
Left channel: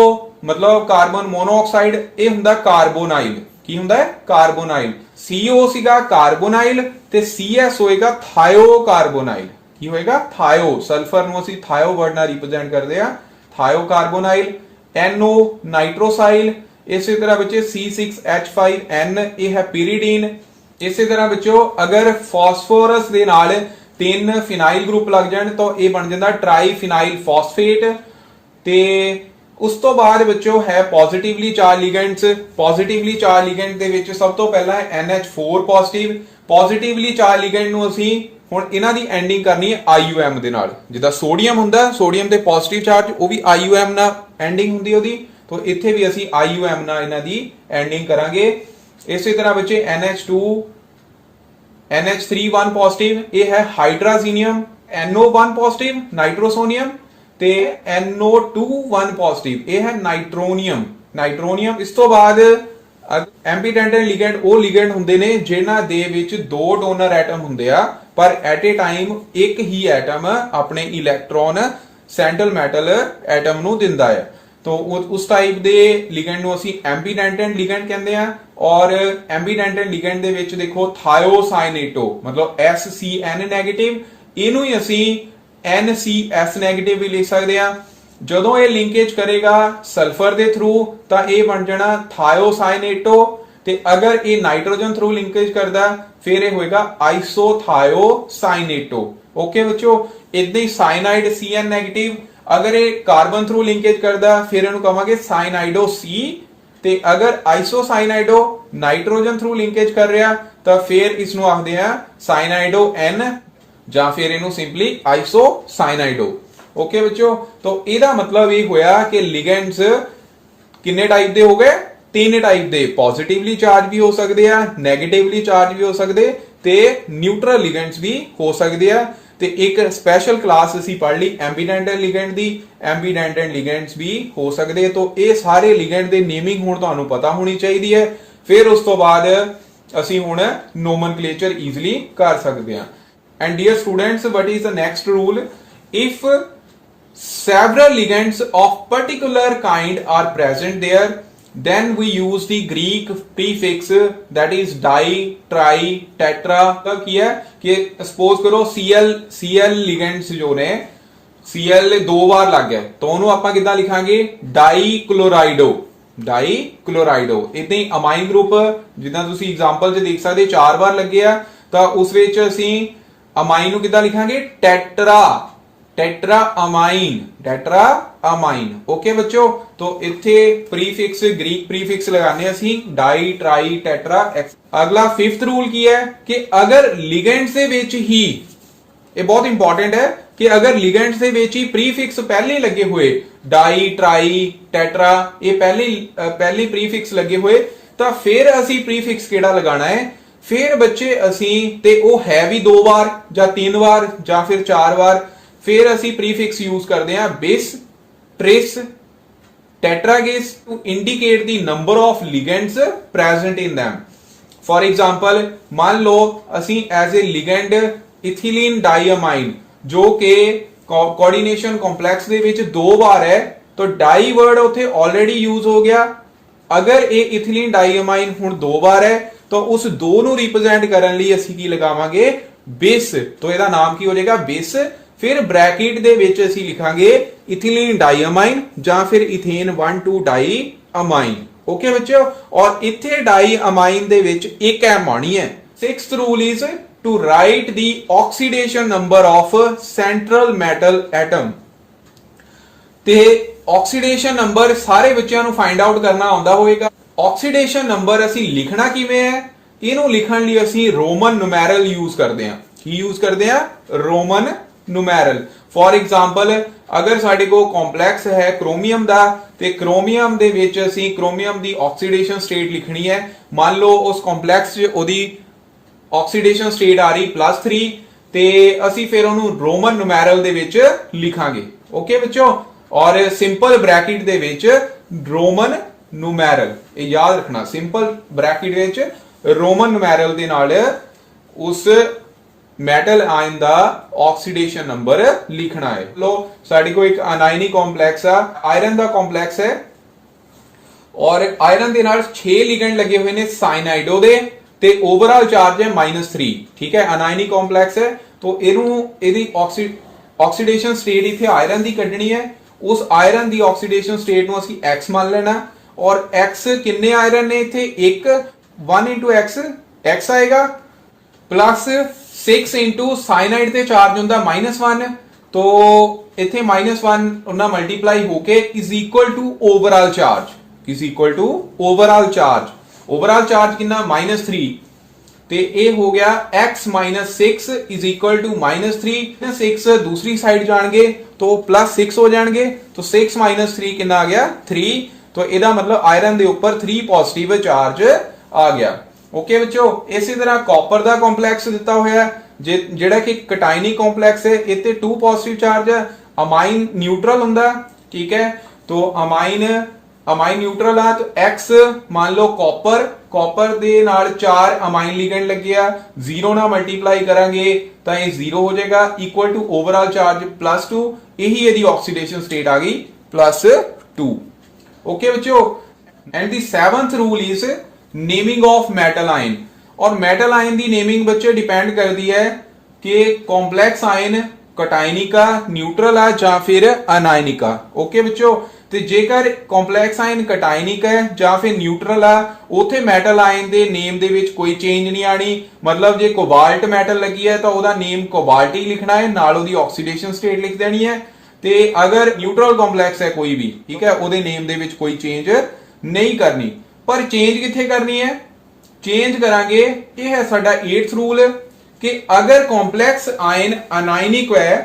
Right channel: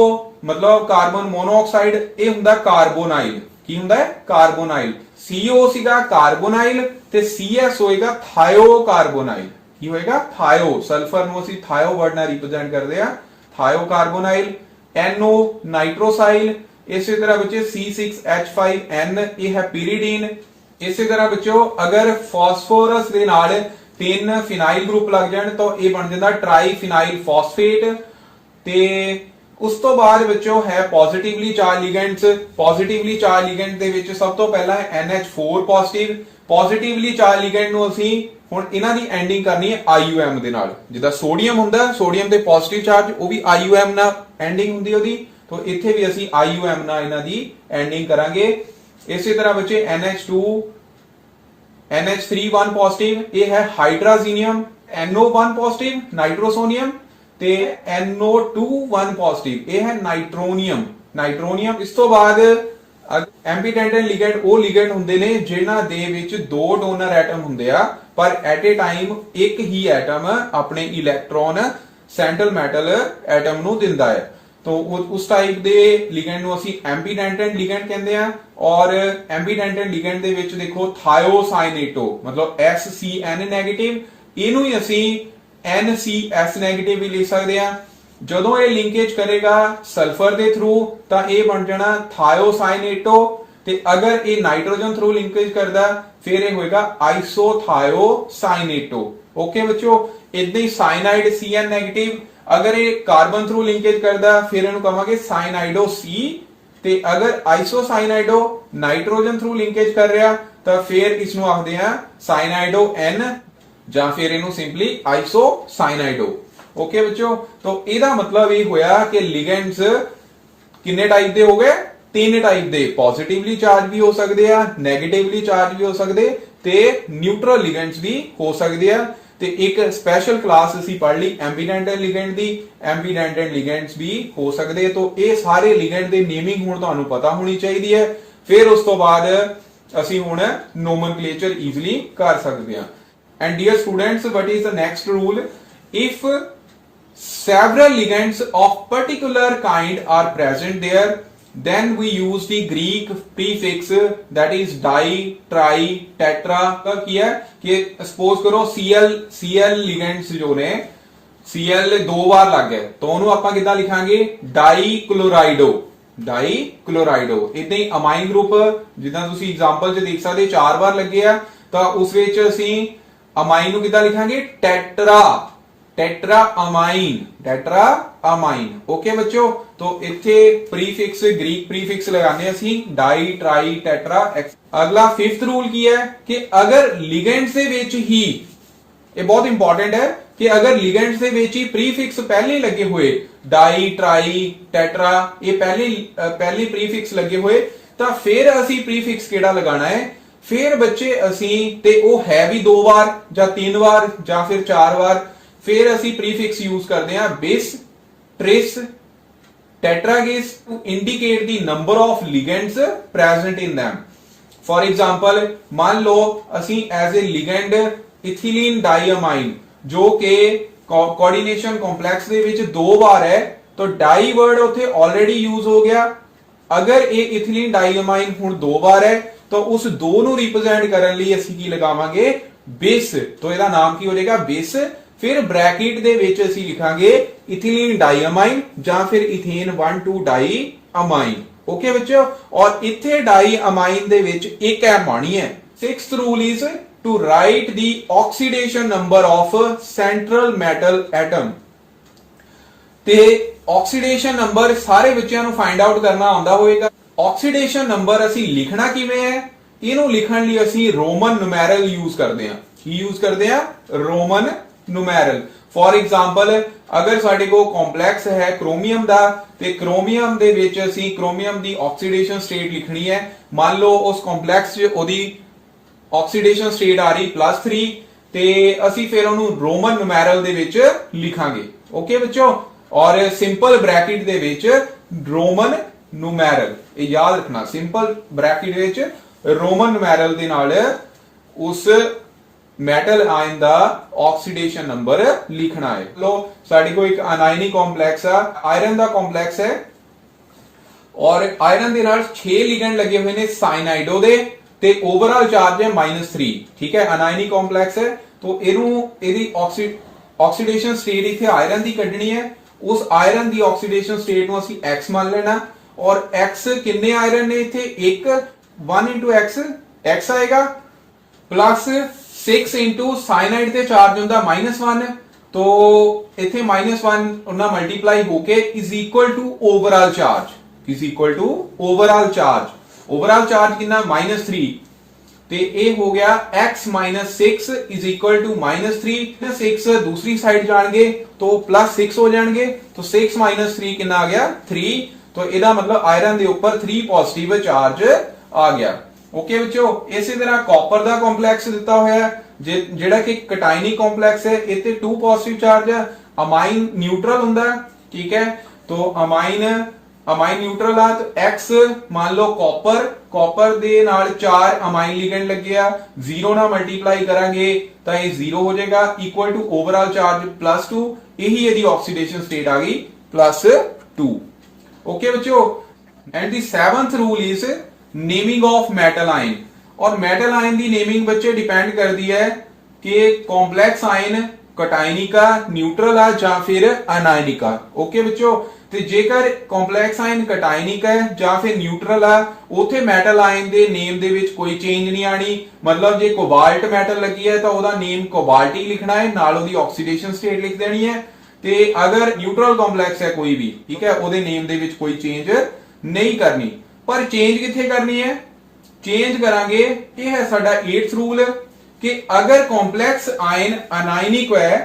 मतलब ਕਾਰਬਨ ਮੋਨੋਆਕਸਾਈਡ, ਇਹ ਹੁੰਦਾ ਕਾਰਬੋਨਾਈਲ। ਕੀ ਹੁੰਦਾ ਹੈ? ਕਾਰਬੋਨਾਈਲ। CO ਸੀਗਾ ਕਾਰਬੋਨਾਈਲ ਤੇ CS ਹੋਏਗਾ ਥਾਇਓ ਕਾਰਬੋਨਾਈਲ। ਕੀ ਹੋਏਗਾ? ਥਾਇਓ। ਸਲਫਰ ਨੂੰ ਅਸੀਂ ਥਾਇਓ ਵਰਡ ਨਾਲ ਰਿਪਰੈਜ਼ੈਂਟ ਕਰਦੇ ਆ, ਥਾਇਓ ਕਾਰਬੋਨਾਈਲ। NO ਨਾਈਟ੍ਰੋਸਾਈਲ। ਇਸੇ ਤਰ੍ਹਾਂ ਬੱਚੇ C6H5N, ਇਹ ਹੈ ਪੀਰੀਡੀਨ। ਇਸੇ ਤਰ੍ਹਾਂ ਬੱਚੋ ਅਗਰ ਫਾਸਫੋਰਸ ਦੇ ਨਾਲ 3 ਫਿਨਾਈਲ ਗਰੁੱਪ ਲੱਗ ਜਾਣ ਤਾਂ ਇਹ ਬਣ ਜਾਂਦਾ ਟ੍ਰਾਈਫਿਨਾਈਲ ਫਾਸਫੇਟ। ਤੇ ਉਸ ਤੋਂ ਬਾਅਦ ਬੱਚੋ ਹੈ ਪੋਜ਼ਿਟਿਵਲੀ ਚਾਰਜ ਲਿਗੈਂਡਸ। ਪੋਜ਼ਿਟਿਵਲੀ ਚਾਰਜ ਲਿਗੈਂਡ ਦੇ ਵਿੱਚ ਸਭ ਤੋਂ ਪਹਿਲਾਂ ਹੈ NH4 ਪੋਜ਼ਿਟਿਵ। ਪੋਜ਼ਿਟਿਵਲੀ ਚਾਰਜ ਲਿਗੈਂਡ ਨੂੰ ਅਸੀਂ ਹੁਣ ਇਹਨਾਂ ਦੀ ਐਂਡਿੰਗ ਕਰਨੀ ਹੈ IUM ਦੇ ਨਾਲ। ਜਿੱਦਾਂ ਸੋਡੀਅਮ ਹੁੰਦਾ, ਸੋਡੀਅਮ ਤੇ ਪੋਜ਼ਿਟਿਵ ਚਾਰਜ ਉਹ ਵੀ IUM ਨਾਲ ਐਂਡਿੰਗ ਹੁੰਦੀ ਉਹਦੀ, ਤਾਂ ਇੱਥੇ ਵੀ ਅਸੀਂ IUM ਨਾਲ ਇਹਨਾਂ ਦੀ ਐਂਡਿੰਗ ਕਰਾਂਗੇ। ਇਸੇ ਤਰ੍ਹਾਂ ਬੱਚੇ NH2 NH3 1 ਪੋਜ਼ਿਟਿਵ, ਇਹ ਹੈ ਹਾਈਡਰਾਜ਼ੀਨੀਅਮ। NO1 ਪੋਜ਼ਿਟਿਵ ਨਾਈਟ੍ਰੋਸੋਨੀਅਮ ਤੇ NO2 1 ਪੋਜ਼ਿਟਿਵ, ਇਹ ਹੈ ਨਾਈਟ੍ਰੋਨੀਅਮ। ਨਾਈਟ੍ਰੋਨੀਅਮ। ਇਸ ਤੋਂ ਬਾਅਦ ਐਂਬੀਡੈਂਟਨ ਲਿਗੈਂਡ ਉਹ ਲਿਗੈਂਡ ਹੁੰਦੇ ਨੇ ਜਿਨ੍ਹਾਂ ਦੇ ਵਿੱਚ ਦੋ ਡੋਨਰ ਐਟਮ ਹੁੰਦੇ ਆ, ਪਰ ਐਟ ਏ ਟਾਈਮ ਇੱਕ ਹੀ ਐਟਮ ਆਪਣੇ ਇਲੈਕਟ੍ਰੋਨ ਸੈਂਟਰਲ ਮੈਟਲ ਐਟਮ ਨੂੰ ਦਿੰਦਾ ਹੈ। तो उस टाइप दे लिगेंड ਨੂੰ ਅਸੀਂ ਐਂਬੀਡੈਂਟਨ ਲਿਗੈਂਡ ਕਹਿੰਦੇ ਆ। ਔਰ ਐਂਬੀਡੈਂਟਨ ਲਿਗੈਂਡ ਦੇ ਵਿੱਚ ਦੇਖੋ ਥਾਇਓਸਾਈਨੇਟੋ ਮਤਲਬ SCN ਨੈਗੇਟਿਵ, ਇਹਨੂੰ ਹੀ ਅਸੀਂ NCS ਨੈਗੇਟਿਵ ਵੀ ਲਿਖ ਸਕਦੇ ਆ। ਜਦੋਂ ਇਹ ਲਿੰਕੇਜ ਕਰੇਗਾ ਸਲਫਰ ਦੇ ਥਰੂ ਤਾਂ ਇਹ ਬਣ ਜਾਣਾ ਥਾਇਓਸਾਈਨੇਟੋ, ਤੇ ਅਗਰ ਇਹ ਨਾਈਟ੍ਰੋਜਨ ਥਰੂ ਲਿੰਕੇਜ ਕਰਦਾ ਫਿਰ ਇਹ ਹੋਏਗਾ ਆਈਸੋਥਾਇਓਸਾਈਨੇਟੋ। ਓਕੇ ਬੱਚੋ, ਇਦਾਂ ਹੀ ਸਾਇਨਾਈਡ CN ਨੈਗੇਟਿਵ, अगर ये कार्बन थ्रू लिंकेज करता फिर इन्हों कहांगे साइनाइडो C, ते अगर आइसोसाइनाइडो नाइट्रोजन थ्रू लिंकेज कर रहा तो फिर इसनु आखदे आ साइनाइडो N, ਜਾਂ फिर इन्हों सिंपली आइसोसाइनाइडो। ओके बच्चों, तो ਇਹਦਾ मतलब ये होया कि लिगेंड्स किन्ने टाइप दे हो गए? 3 टाइप दे। पॉजिटिवली चार्ज भी हो सकते हैं, नेगेटिवली चार्ज भी हो सकते ते न्यूट्रल लिगेंड्स भी हो सकते हैं। ਤੇ ਇੱਕ ਸਪੈਸ਼ਲ ਕਲਾਸ ਅਸੀਂ ਪੜ੍ਹ ਲਈ ਐਂਬੀਡੈਂਟਨ ਲਿਗੈਂਡ ਦੀ। ਐਂਬੀਡੈਂਟਨ ਲਿਗੈਂਡਸ ਵੀ ਹੋ ਸਕਦੇ ਆ। ਤਾਂ ਇਹ ਸਾਰੇ ਲਿਗੈਂਡ ਦੇ ਨੇਮਿੰਗ ਹੁਣ ਤੁਹਾਨੂੰ ਪਤਾ ਹੋਣੀ ਚਾਹੀਦੀ ਹੈ। ਫਿਰ ਉਸ ਤੋਂ ਬਾਅਦ ਅਸੀਂ ਹੁਣ ਨੋਮਨਕਲੇਚਰ ਈਜ਼ੀਲੀ ਕਰ ਸਕਦੇ ਹਾਂ। And dear students, what is the next rule? If several ligands of particular kind are present there, then we use the Greek prefix that is di, tri, tetra। का क्या है कि सपोज करो Cl ligands जो ने Cl 2 बार लग गया तो ਉਹਨੂੰ ਆਪਾਂ ਕਿੱਦਾਂ ਲਿਖਾਂਗੇ? ਡਾਈਕਲੋਰਾਈਡੋ। ਡਾਈਕਲੋਰਾਈਡੋ। ਇਦਾਂ ਹੀ ਅਮਾਈਨ ਗਰੁੱਪ ਜਿੱਦਾਂ ਤੁਸੀਂ ਐਗਜ਼ਾਮਪਲ 'ਚ ਦੇਖ ਸਕਦੇ 4 ਵਾਰ ਲੱਗੇ ਆ ਤਾਂ ਉਸ ਵਿੱਚ ਅਸੀਂ ਅਮਾਈਨ ਨੂੰ ਕਿੱਦਾਂ ਲਿਖਾਂਗੇ? ਟੈਟਰਾ। Tetra amine. ओके बच्चों, तो इथे प्रीफिक्स ग्रीक प्रीफिक्स लगाने ਅਸੀਂ डाई, ट्राई, टेट्रा। अगला 5th रूल की है कि अगर लिगेंड्स ਦੇ ਵਿੱਚ ਹੀ, ਇਹ ਬਹੁਤ इंपॉर्टेंट है कि अगर लिगेंड्स ਦੇ ਵਿੱਚ ਹੀ प्रीफिक्स पहले ही लगे हुए डाई, ट्राई, टेट्रा, ये पहले प्रीफिक्स लगे हुए ਤਾਂ ਫਿਰ ਅਸੀਂ प्रीफिक्स ਕਿਹੜਾ ਲਗਾਣਾ ਹੈ? ਫਿਰ ਬੱਚੇ ਅਸੀਂ ਤੇ ਉਹ ਹੈ ਵੀ 2 ਵਾਰ ਜਾਂ 3 ਵਾਰ ਜਾਂ ਫਿਰ 4 ਵਾਰ, फिर ਅਸੀਂ प्रीफिक्स यूज करते हैं बिस, tris, टेट्रागिस to indicate the number of ligands present in them। For example, मान लो ਅਸੀਂ as a ligand ethylene diamine जो कि कोऑर्डिनेशन कॉम्प्लेक्स ਦੇ ਵਿੱਚ 2 ਵਾਰ ਹੈ तो डाई वर्ड ਉੱਥੇ ऑलरेडी यूज हो गया। अगर ਇਹ इथिलीन डाइअमाइन ਹੁਣ 2 ਵਾਰ ਹੈ तो उस 2 ਨੂੰ रिप्रेजेंट ਕਰਨ ਲਈ ਅਸੀਂ ਕੀ ਲਗਾਵਾਂਗੇ? बिस। तो ਇਹਦਾ ਨਾਮ ਕੀ ਹੋ ਜਾਏਗਾ? बिस। फिर ब्रैकेट ਦੇ ਵਿੱਚ ਅਸੀਂ ਲਿਖਾਂਗੇ इथिलीन डाइअमाइन ਜਾਂ ਫਿਰ इथेन 1,2 डाइअमाइन। ओके बच्चों, और इथे डाई अमाइन दे विच एक एम आनी है। Sixth rule is to write the oxidation number of central metal atom. ते ऑक्सीडेशन नंबर सारे बच्चों ਨੂੰ फाइंड आउट करना आउंदा होएगा। ऑक्सीडेशन नंबर ਅਸੀਂ लिखना किवें है, ਇਹਨੂੰ ਲਿਖਣ ਲਈ ਅਸੀਂ ਰੋਮਨ ਨੂਮੈਰਲ ਯੂਜ਼ ਕਰਦੇ ਹਾਂ। ਕੀ ਯੂਜ਼ ਕਰਦੇ ਆ? ਰੋਮਨ ਨੂਮੈਰਲ। ਫॉर एग्जांपल अगर ਸਾਡੇ ਕੋਲ ਕੰਪਲੈਕਸ ਹੈ ਕ੍ਰੋਮੀਅਮ ਦਾ, ਤੇ ਕ੍ਰੋਮੀਅਮ ਦੇ ਵਿੱਚ ਅਸੀਂ ਕ੍ਰੋਮੀਅਮ ਦੀ ਆਕਸੀਡੇਸ਼ਨ ਸਟੇਟ ਲਿਖਣੀ ਹੈ। ਮੰਨ ਲਓ ਉਸ ਕੰਪਲੈਕਸ 'ਚ ਉਹਦੀ ਆਕਸੀਡੇਸ਼ਨ ਸਟੇਟ ਆ ਰਹੀ +3, ਤੇ ਅਸੀਂ ਫਿਰ ਉਹਨੂੰ ਰੋਮਨ ਨੂਮੈਰਲ ਦੇ ਵਿੱਚ ਲਿਖਾਂਗੇ। ਓਕੇ ਬੱਚੋ, ਔਰ ਸਿੰਪਲ ਬ੍ਰੈਕਟ ਦੇ ਵਿੱਚ ਰੋਮਨ ਨੂਮੈਰਲ, ਇਹ ਯਾਦ ਰੱਖਣਾ, ਸਿੰਪਲ ਬ੍ਰੈਕਟ ਵਿੱਚ ਰੋਮਨ ਨੂਮੈਰਲ ਦੇ ਨਾਲ ਉਸ ਮੈਟਲ ਆਇਨ ਦਾ ਆਕਸੀਡੇਸ਼ਨ ਨੰਬਰ ਲਿਖਣਾ ਹੈ। ਲੋ ਸਾਡੇ ਕੋਲ ਇੱਕ ਅਨਾਇਨੀ ਕੰਪਲੈਕਸ ਆ, ਆਇਰਨ ਦਾ ਕੰਪਲੈਕਸ ਹੈ, ਔਰ ਆਇਰਨ ਦੇ ਨਾਲ 6 ਲਿਗੈਂਡ ਲੱਗੇ ਹੋਏ ਨੇ ਸਾਇਨਾਈਡੋ ਦੇ, ਤੇ ਓਵਰਆਲ ਚਾਰਜ ਹੈ -3। ਠੀਕ ਹੈ, ਅਨਾਇਨੀ ਕੰਪਲੈਕਸ ਹੈ, तो ਇਹਦੀ ਆਕਸੀਡੇਸ਼ਨ ਸਟੇਟ ਇਥੇ ਆਇਰਨ ਦੀ ਕੱਢਣੀ ਹੈ। ਉਸ ਆਇਰਨ ਦੀ ਆਕਸੀਡੇਸ਼ਨ ਸਟੇਟ ਨੂੰ ਅਸੀਂ x ਮੰਨ ਲੈਣਾ, ਔਰ x ਕਿੰਨੇ ਆਇਰਨ ਨੇ ਇਥੇ? 1 into x ਆਏਗਾ, प्लस 6 into साइनाइड ਤੇ ਚਾਰਜ ਹੁੰਦਾ -1, तो इथे -1 ਉਹਨਾਂ ਮਲਟੀਪਲਾਈ ਹੋके is equal to overall charge, is equal to overall charge. Overall charge कितना? -3, ਤੇ ਇਹ ਹੋ ਗਿਆ x - 6 इज इक्वल टू -3। 6 दूसरी साइड जाएंगे तो +6 हो जाएंगे, तो 6 - 3 कितना आ गया? 3। तो ਇਹਦਾ मतलब आयरन ਦੇ ਉੱਪਰ 3 पॉजिटिव चार्ज आ गया। ओके बच्चों, इसी तरह कॉपर ਦਾ ਕੰਪਲੈਕਸ ਦਿੱਤਾ ਹੋਇਆ ਜਿਹੜਾ ਕਿ ਕਟਾਇਨੀ ਕੰਪਲੈਕਸ ਹੈ, ਇੱਥੇ 2 ਪੋਜ਼ਿਟਿਵ ਚਾਰਜ ਹੈ। ਅਮਾਈਨ ਨਿਊਟਰਲ ਹੁੰਦਾ, ਠੀਕ ਹੈ, तो ਅਮਾਈਨ ਨਿਊਟਰਲ ਆ, तो x ਮੰਨ ਲਓ ਕਾਪਰ ਦੇ ਨਾਲ 4 ਅਮਾਈਨ ਲਿਗੈਂਡ ਲੱਗਿਆ, 0 ਨਾਲ ਮਲਟੀਪਲਾਈ ਕਰਾਂਗੇ ਤਾਂ ਇਹ 0 ਹੋ ਜਾਏਗਾ, ਇਕੁਅਲ ਟੂ ਓਵਰਆਲ ਚਾਰਜ +2। ਇਹੀ ਇਹਦੀ ਆਕਸੀਡੇਸ਼ਨ ਸਟੇਟ ਆ ਗਈ +2। ओके बच्चों, and the 7th rule is naming of metal ion. और मेटल आयन की नेमिंग बच्चे डिपेंड करती है कि कॉम्प्लेक्स आयन कटायनिका, न्यूट्रल है या फिर अनायनिका। ओके बच्चों, तो जेकर कॉम्प्लेक्स आयन कटायनिक है या फिर न्यूट्रल है, उथे मेटल आयन के नेम दे विच कोई चेंज नहीं आनी। मतलब जे कोबाल्ट मेटल लगी है तो उसका नेम कोबाल्ट ही लिखना है, नाल उसकी ऑक्सीडेशन स्टेट लिख देनी है। ਤੇ अगर न्यूट्रल ਕੰਪਲੈਕਸ ਹੈ ਕੋਈ ਵੀ, ਠੀਕ ਹੈ, ਉਹਦੇ ਨੇਮ ਦੇ ਵਿੱਚ ਕੋਈ ਚੇਂਜ ਨਹੀਂ ਕਰਨੀ। ਪਰ ਚੇਂਜ ਕਿੱਥੇ ਕਰਨੀ ਹੈ? ਚੇਂਜ ਕਰਾਂਗੇ, ਇਹ ਹੈ ਸਾਡਾ 8th ਰੂਲ, ਕਿ ਅਗਰ ਕੰਪਲੈਕਸ ਆਇਨ ਅਨਾਇਨਿਕ ਹੈ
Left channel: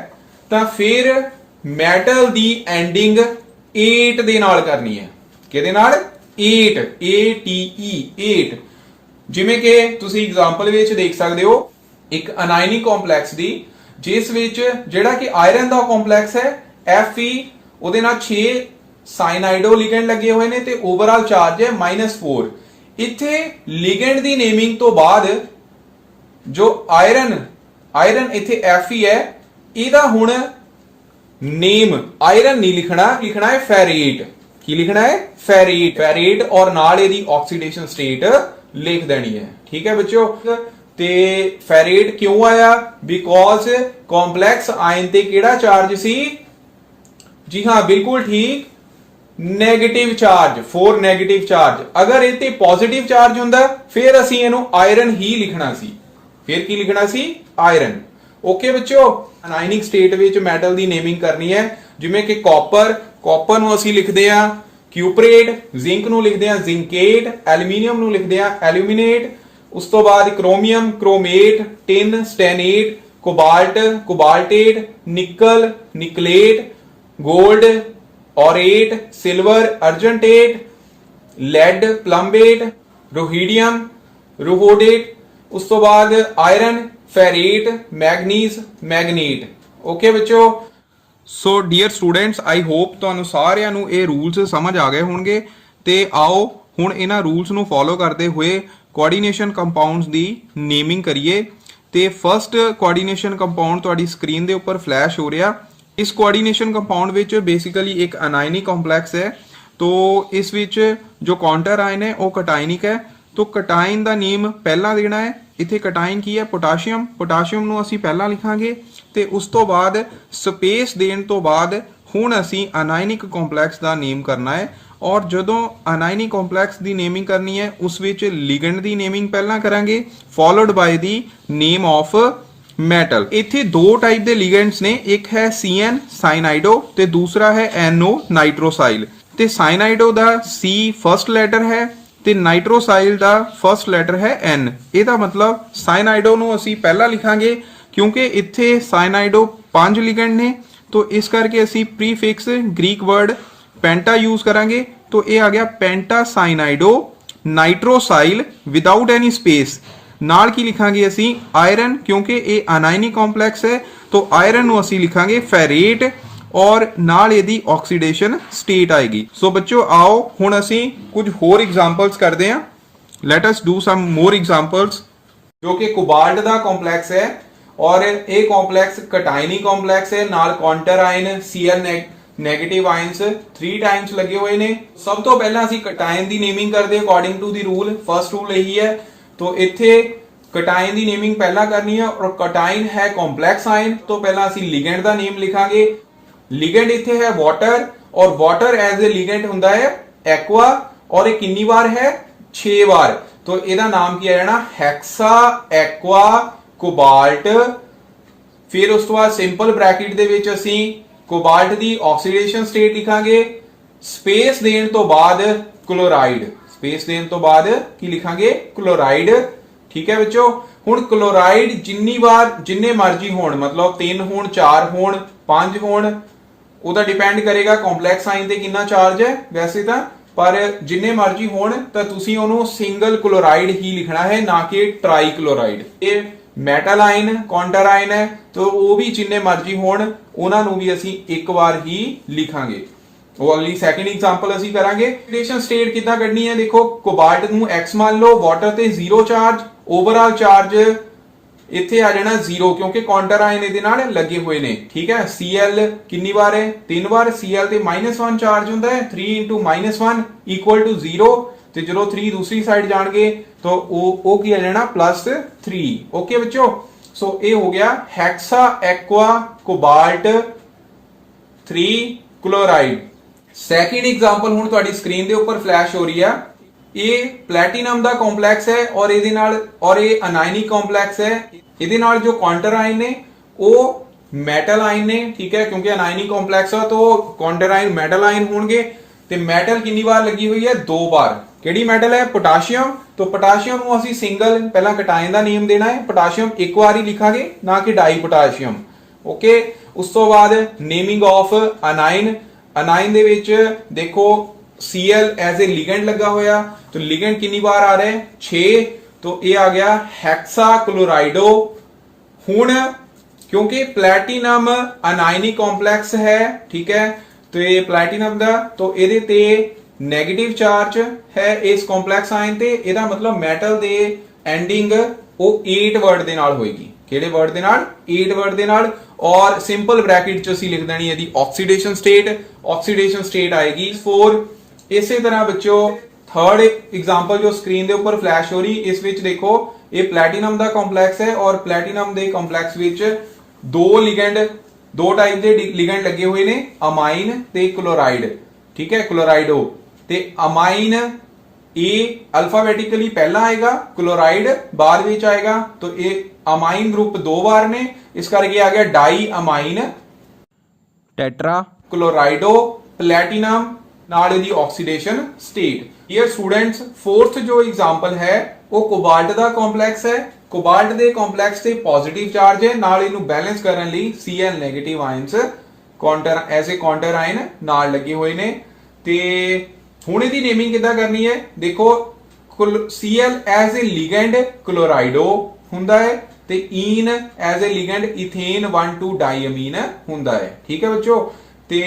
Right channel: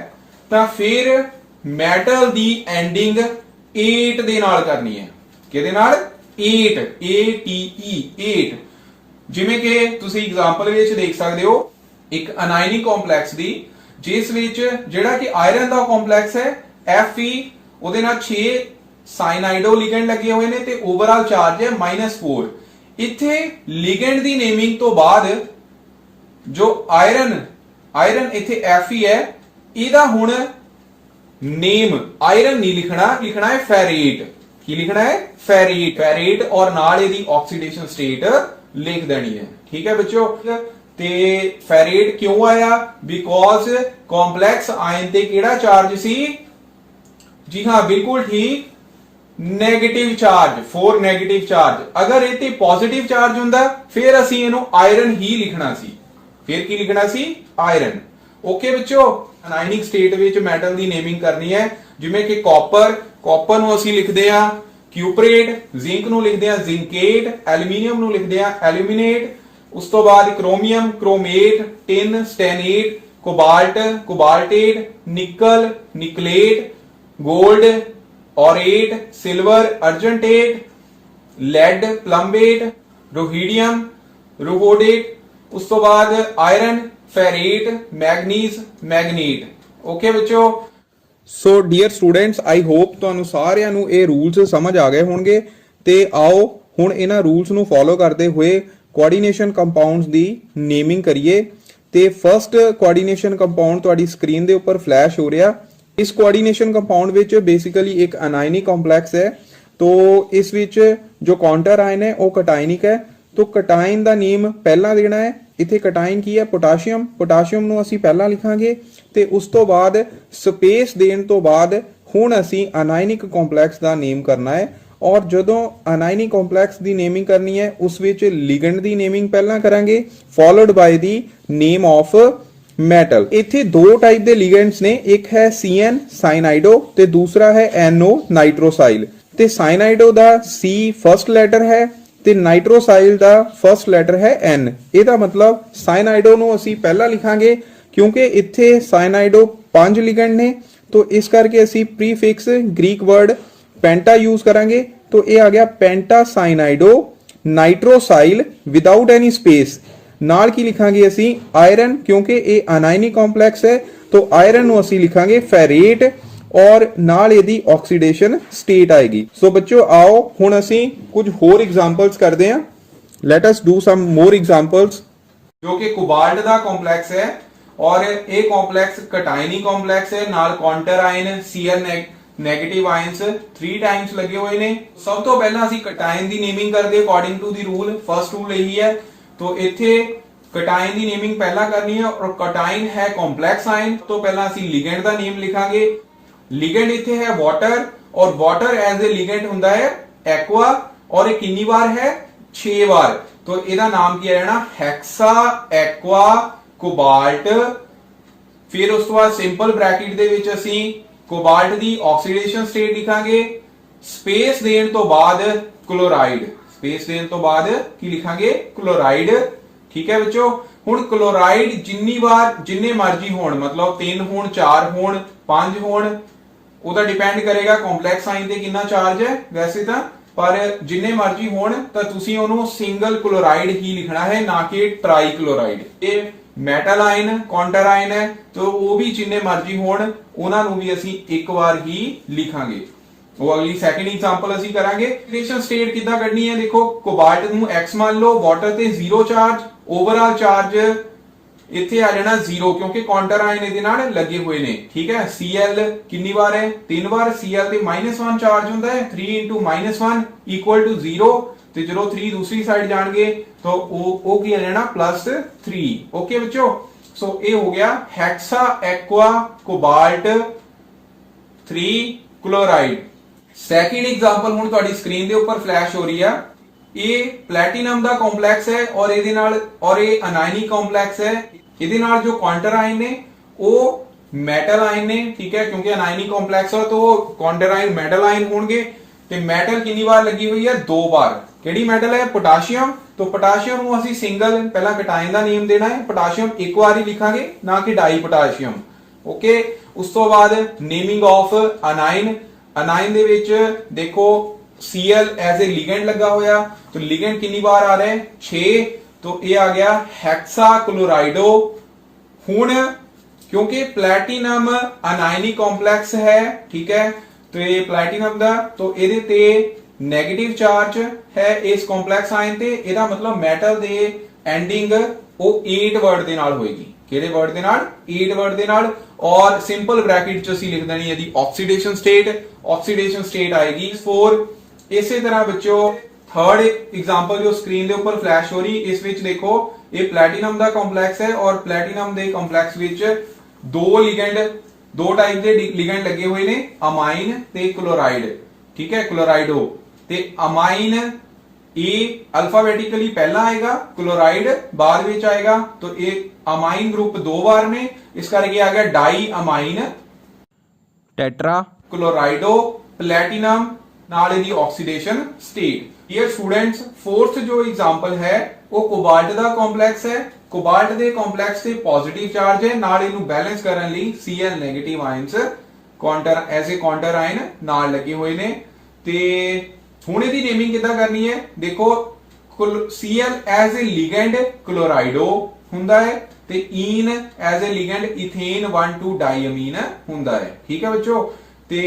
ਤਾਂ ਫਿਰ ਮੈਟਲ ਦੀ ਐਂਡਿੰਗ 8 ਦੇ ਨਾਲ ਕਰਨੀ ਹੈ। ਕਿਹਦੇ ਨਾਲ? 8, ATE 8। ਜਿਵੇਂ ਕਿ ਤੁਸੀਂ ਐਗਜ਼ਾਮਪਲ ਵਿੱਚ ਦੇਖ ਸਕਦੇ ਹੋ, ਇੱਕ ਅਨਾਇਨਿਕ ਕੰਪਲੈਕਸ ਦੀ ਜਿਸ ਵਿੱਚ ਜਿਹੜਾ ਕਿ ਆਇਰਨ ਦਾ ਕੰਪਲੈਕਸ ਹੈ Fe, ਉਹਦੇ ਨਾਲ 6 ਸਾਇਨਾਈਡੋ ਲਿਗੈਂਡ ਲੱਗੇ ਹੋਏ ਨੇ ਤੇ ਓਵਰਆਲ ਚਾਰਜ ਹੈ -4। ਇੱਥੇ ਲਿਗੈਂਡ ਦੀ ਨੇਮਿੰਗ ਤੋਂ ਬਾਅਦ ਜੋ ਆਇਰਨ ਇੱਥੇ Fe ਹੈ, ਇਹਦਾ ਹੁਣ ਨੇਮ ਆਇਰਨ ਨਹੀਂ ਲਿਖਣਾ ਹੈ ਫੈਰੇਟ। ਕੀ ਲਿਖਣਾ ਹੈ? ਫੈਰੇਟ, ਔਰ ਨਾਲ ਇਹਦੀ ਆਕਸੀਡੇਸ਼ਨ ਸਟੇਟ ਲਿਖ ਦੇਣੀ ਹੈ। ਠੀਕ ਹੈ ਬੱਚਿਓ, ਤੇ ਫੈਰੇਟ ਕਿਉਂ ਆਇਆ? ਬਿਕੋਜ਼ ਕੰਪਲੈਕਸ ਆਇਨ ਤੇ ਕਿਹੜਾ ਚਾਰਜ ਸੀ? ਜੀ ਹਾਂ, ਬਿਲਕੁਲ ਠੀਕ, ਨੈਗੇਟਿਵ ਚਾਰਜ, 4 ਨੈਗੇਟਿਵ ਚਾਰਜ। ਅਗਰ ਇਹ ਤੇ ਪੋਜ਼ਿਟਿਵ ਚਾਰਜ ਹੁੰਦਾ ਫਿਰ ਅਸੀਂ ਇਹਨੂੰ ਆਇਰਨ ਹੀ ਲਿਖਣਾ ਸੀ। ਫਿਰ ਕੀ ਲਿਖਣਾ ਸੀ? ਆਇਰਨ। ਓਕੇ ਬੱਚੋ, ਅਨਾਇਨਿਕ ਸਟੇਟ ਵਿੱਚ ਮੈਟਲ ਦੀ ਨੇਮਿੰਗ ਕਰਨੀ ਹੈ। ਜਿਵੇਂ ਕਿ ਕਾਪਰ ਨੂੰ ਅਸੀਂ ਲਿਖਦੇ ਆ ਕਿਊਪਰੇਟ, ਜ਼ਿੰਕ ਨੂੰ ਲਿਖਦੇ ਆ ਜ਼ਿੰਕੇਟ, ਐਲੂਮੀਨੀਅਮ ਨੂੰ ਲਿਖਦੇ ਆ ਐਲੂਮੀਨੇਟ। ਉਸ ਤੋਂ ਬਾਅਦ chromium chromate, tin stannate, cobalt cobaltate, nickel nickelate, gold aurate, silver argentate, lead plumbate, rhodium rhodate. उस तो बाद iron ferrate, manganese manganate. Okay बच्चों, so dear students, I hope ਤੁਹਾਨੂੰ ਸਾਰਿਆਂ ਨੂੰ ਇਹ ਰੂਲਸ ਸਮਝ ਆ ਗਏ ਹੋਣਗੇ। ਤੇ ਆਓ ਹੁਣ ਇਹਨਾਂ ਰੂਲਸ ਨੂੰ ਫੋਲੋ ਕਰਦੇ ਹੋਏ ਕੋਆਰਡੀਨੇਸ਼ਨ ਕੰਪਾਊਂਡਸ ਦੀ ਨੇਮਿੰਗ ਕਰੀਏ। ਤੇ ਫਰਸਟ ਕੋਆਰਡੀਨੇਸ਼ਨ ਕੰਪਾਊਂਡ ਤੁਹਾਡੀ ਸਕਰੀਨ ਦੇ ਉੱਪਰ ਫਲੈਸ਼ ਹੋ ਰਿਹਾ। ਇਸ ਕੋਆਰਡੀਨੇਸ਼ਨ ਕੰਪਾਊਂਡ ਵਿੱਚ ਬੇਸਿਕਲੀ ਇੱਕ ਅਨਾਇਨਿਕ ਕੰਪਲੈਕਸ ਹੈ। तो इस विच जो काउंटर आयन है वो कटाइनिक है। तो कटाइन का नेम पहला देना है। इत्थे कटाइन की है पोटाशियम, पोटाशियम नूं असीं पहला लिखांगे ते उस तो बाद स्पेस देण तो बाद हुण असीं अनायनिक कॉम्पलैक्स का नेम करना है। ਔਰ ਜਦੋਂ ਅਨਾਇਨਿਕ ਕੰਪਲੈਕਸ ਦੀ ਨੇਮਿੰਗ ਕਰਨੀ ਹੈ ਉਸ ਵਿੱਚ ਲਿਗੈਂਡ ਦੀ ਨੇਮਿੰਗ ਪਹਿਲਾਂ ਕਰਾਂਗੇ followed by the name of metal. ਇੱਥੇ ਦੋ ਟਾਈਪ ਦੇ ਲਿਗੈਂਡਸ ਨੇ, ਇੱਕ ਹੈ CN ਸਾਈਨਾਈਡੋ ਤੇ ਦੂਸਰਾ ਹੈ NO ਨਾਈਟ੍ਰੋਸਾਈਲ। ਤੇ ਸਾਈਨਾਈਡੋ ਦਾ C ਫਰਸਟ ਲੈਟਰ ਹੈ ਤੇ ਨਾਈਟ੍ਰੋਸਾਈਲ ਦਾ ਫਰਸਟ ਲੈਟਰ ਹੈ N। ਇਹਦਾ ਮਤਲਬ ਸਾਈਨਾਈਡੋ ਨੂੰ ਅਸੀਂ ਪਹਿਲਾਂ ਲਿਖਾਂਗੇ ਕਿਉਂਕਿ ਇੱਥੇ ਸਾਈਨਾਈਡੋ 5 ਲਿਗੈਂਡ ਨੇ, तो इस करके ਅਸੀਂ प्रीफिक्स ग्रीक वर्ड पेंटा यूज करेंगे। तो ये आ गया पेंटासाइनाइडो नाइट्रोसाइल विदाउट एनी स्पेस। नाल की लिखांगे ਅਸੀਂ आयरन क्योंकि ये अनायनिक कॉम्प्लेक्स है तो आयरन ਨੂੰ ਅਸੀਂ ਲਿਖਾਂਗੇ फेरेट और नाल ਇਹਦੀ ऑक्सीडेशन स्टेट आएगी। सो बच्चों आओ ਹੁਣ ਅਸੀਂ ਕੁਝ ਹੋਰ एग्जांपल्स ਕਰਦੇ ਹਾਂ। Let us do some more examples. जो कि कोबाल्ट ਦਾ ਕੰਪਲੈਕਸ ਹੈ और ये कॉम्प्लेक्स कटायनी कॉम्प्लेक्स है, नाल counter ion Cl negative ions 3 times लगे हुए ने। सब तो पहला ਅਸੀਂ कटायन ਦੀ नेमिंग ਕਰਦੇ according to the rule. First rule यही है। तो ਇੱਥੇ कटायन ਦੀ नेमिंग ਪਹਿਲਾਂ करनी है और कटायन है कॉम्प्लेक्स आयन। तो पहला ਅਸੀਂ लिगेंड ਦਾ नेम लिखांगे। लिगेंड ਇੱਥੇ है वाटर और वाटर एज ए लिगेंड ਹੁੰਦਾ है एक्वा और ਇਹ ਕਿੰਨੀ ਵਾਰ है 6 ਵਾਰ। तो ਇਹਦਾ ਨਾਮ ਕੀ ਹੈ ਨਾ ਹੈਕਸਾ एक्वा ਕੋਬਾਲਟ। ਫਿਰ ਉਸ ਤੋਂ ਬਾਅਦ ਸਿੰਪਲ ਬ੍ਰੈਕਟ ਦੇ ਵਿੱਚ ਅਸੀਂ ਕੋਬਾਲਟ ਦੀ ਆਕਸੀਡੇਸ਼ਨ ਸਟੇਟ ਲਿਖਾਂਗੇ। ਸਪੇਸ ਦੇਣ ਤੋਂ ਬਾਅਦ ਕਲੋਰਾਈਡ, ਸਪੇਸ ਦੇਣ ਤੋਂ ਬਾਅਦ ਕੀ ਲਿਖਾਂਗੇ ਕਲੋਰਾਈਡ। ਠੀਕ ਹੈ ਬੱਚੋ। ਹੁਣ ਕਲੋਰਾਈਡ ਜਿੰਨੇ ਮਰਜ਼ੀ ਹੋਣ, ਮਤਲਬ 3 ਹੋਣ 4 ਹੋਣ 5 ਹੋਣ, ਉਹਦਾ ਡਿਪੈਂਡ ਕਰੇਗਾ ਕੰਪਲੈਕਸ ਆਇਨ ਤੇ ਕਿੰਨਾ ਚਾਰਜ ਹੈ। ਵੈਸੇ ਤਾਂ ਪਰ ਜਿੰਨੇ ਮਰਜ਼ੀ ਹੋਣ ਤਾਂ ਤੁਸੀਂ ਉਹਨੂੰ ਸਿੰਗਲ ਕਲੋਰਾਈਡ ਹੀ ਲਿਖਣਾ ਹੈ, ਨਾ ਕਿ ਟਰਾਈ ਕਲੋਰਾਈਡ। ਇਹ ਮੈਟਲ ਆਇਨ ਕਾਉਂਟਰ ਆਇਨ ਹੈ तो ਉਹ ਵੀ ਜਿੰਨੇ ਮਰਜ਼ੀ ਹੋਣ ਉਹਨਾਂ ਨੂੰ ਵੀ ਅਸੀਂ ਇੱਕ ਵਾਰ ਹੀ ਲਿਖਾਂਗੇ। ਉਹ ਅਗਲੀ ਸੈਕੰਡ ਐਗਜ਼ਾਮਪਲ ਅਸੀਂ ਕਰਾਂਗੇ। ਆਕਸੀਡੇਸ਼ਨ ਸਟੇਟ ਕਿੱਦਾਂ ਕੱਢਣੀ ਹੈ। ਦੇਖੋ ਕੋਬਾਲਟ ਨੂੰ X ਮੰਨ ਲਓ, ਵਾਟਰ ਤੇ 0 ਚਾਰਜ, ਓਵਰਆਲ ਚਾਰਜ ਇੱਥੇ ਆ ਜਾਣਾ 0 ਕਿਉਂਕਿ ਕਾਉਂਟਰ ਆਇਨ ਇਹਦੇ ਨਾਲ ਲੱਗੇ ਹੋਏ ਨੇ। ਠੀਕ ਹੈ। Cl ਕਿੰਨੀ ਵਾਰ ਹੈ 3 ਵਾਰ। Cl ਤੇ -1 ਚਾਰਜ ਹੁੰਦਾ ਹੈ, 3 × -1 = 0। ਤੇ ਜਦੋਂ 3 दूसरी साइड जाएंगे तो वो की आ जाना +3। ओके बच्चों। सो ये हो गया hexa aqua cobalt 3 chloride. Second example हुण तुहाडी स्क्रीन दे ऊपर फ्लैश हो रही है। ये प्लैटिनम दा कॉम्प्लैक्स है और इहदे नाल और ये अनायनिक कॉम्प्लैक्स है। इहदे नाल जो काउंटर आयन ने वो मेटल आयन ने। ठीक है। क्योंकि अनायनिक कॉम्प्लैक्स है तो काउंटर आयन मेटल आयन होंगे। ਤੇ ਮੈਟਲ ਕਿੰਨੀ ਵਾਰ ਲੱਗੀ ਹੋਈ ਹੈ 2 ਵਾਰ। ਕਿਹੜੀ ਮੈਟਲ ਹੈ ਪੋਟਾਸ਼ੀਅਮ। तो पोटाशियम ਨੂੰ ਅਸੀਂ ਸਿੰਗਲ ਪਹਿਲਾਂ ਕਟਾਇਨ ਦਾ ਨੇਮ ਦੇਣਾ ਹੈ। ਪੋਟਾਸ਼ੀਅਮ ਇੱਕ ਵਾਰ ਹੀ ਲਿਖਾਂਗੇ, ਨਾ ਕਿ ਡਾਈ ਪੋਟਾਸ਼ੀਅਮ। ਓਕੇ। ਉਸ ਤੋਂ ਬਾਅਦ ਨੇਮਿੰਗ ਆਫ ਅਨਾਇਨ। ਅਨਾਇਨ ਦੇ ਵਿੱਚ ਦੇਖੋ Cl ਐਜ਼ ए ਲਿਗੈਂਡ ਲੱਗਾ ਹੋਇਆ। तो लिगेंड कितनी बार आ रहे हैं 6। तो ये आ गया हेक्सा क्लोराइडो। हुण क्योंकि प्लैटिनम अनायनिक कॉम्प्लैक्स है, ठीक है, तो ये प्लैटिनम दा तो ਇਹਦੇ ਤੇ 네ਗੇਟਿਵ ਚਾਰਜ ਹੈ ਇਸ ਕੰਪਲੈਕਸ ਆਇਨ ਤੇ। ਇਹਦਾ ਮਤਲਬ ਮੈਟਲ ਦੇ ਐਂਡਿੰਗ ਉਹ 8 ਵਰਡ ਦੇ ਨਾਲ ਹੋਏਗੀ। ਕਿਹੜੇ ਵਰਡ ਦੇ ਨਾਲ 8 ਵਰਡ ਦੇ ਨਾਲ। ਔਰ ਸਿੰਪਲ ਬ੍ਰੈਕਟ ਚ ਅਸੀਂ ਲਿਖ ਦੇਣੀ ਇਹਦੀ ਆਕਸੀਡੇਸ਼ਨ ਸਟੇਟ। ਆਕਸੀਡੇਸ਼ਨ ਸਟੇਟ ਆਏਗੀ 4। ਇਸੇ ਤਰ੍ਹਾਂ ਬੱਚੋ थर्ड एग्जांपल जो स्क्रीन ਦੇ ਉੱਪਰ ਫਲੈਸ਼ ਹੋ ਰਹੀ, ਇਸ ਵਿੱਚ ਦੇਖੋ ਇਹ प्लैटिनम ਦਾ ਕੰਪਲੈਕਸ ਹੈ और प्लैटिनम ਦੇ ਕੰਪਲੈਕਸ ਵਿੱਚ दो टाइप के लिगेंड लगे हुए ने अमाइन ते क्लोराइड। ठीक है। क्लोराइडो ते अमाइन ए अल्फाबेटिकली पहला आएगा, क्लोराइड बाद में आएगा। तो ये अमाइन ग्रुप 2 बार ने, इस करके आ गया diamine tetrachlorido platinum नाल दी oxidation state. Dear students, fourth जो एग्जांपल है वो कोबाल्ट दा कॉम्प्लेक्स है। कोबाल्ट ਦੇ ਕੰਪਲੈਕਸ ਤੇ ਪੋਜ਼ਿਟਿਵ ਚਾਰਜ ਹੈ, ਨਾਲ ਇਹਨੂੰ ਬੈਲੈਂਸ ਕਰਨ ਲਈ Cl ਨੈਗੇਟਿਵ ਆਇਨਸ ਕਾਉਂਟਰ ਐਸੇ ਕਾਉਂਟਰ ਆਇਨ ਨਾਲ ਲੱਗੇ ਹੋਏ ਨੇ। ਤੇ ਹੁਣ ਇਹਦੀ ਨੇਮਿੰਗ ਕਿੱਦਾਂ ਕਰਨੀ ਹੈ। ਦੇਖੋ Cl ਐਜ਼ ए ਲਿਗੈਂਡ ਕਲੋਰਾਈਡੋ ਹੁੰਦਾ ਹੈ ਤੇ ਈਨ ਐਜ਼ ए ਲਿਗੈਂਡ ਇਥੇਨ 1,2 ਡਾਈਅਮੀਨ ਹੁੰਦਾ ਹੈ। ਠੀਕ ਹੈ ਬੱਚੋ। ਤੇ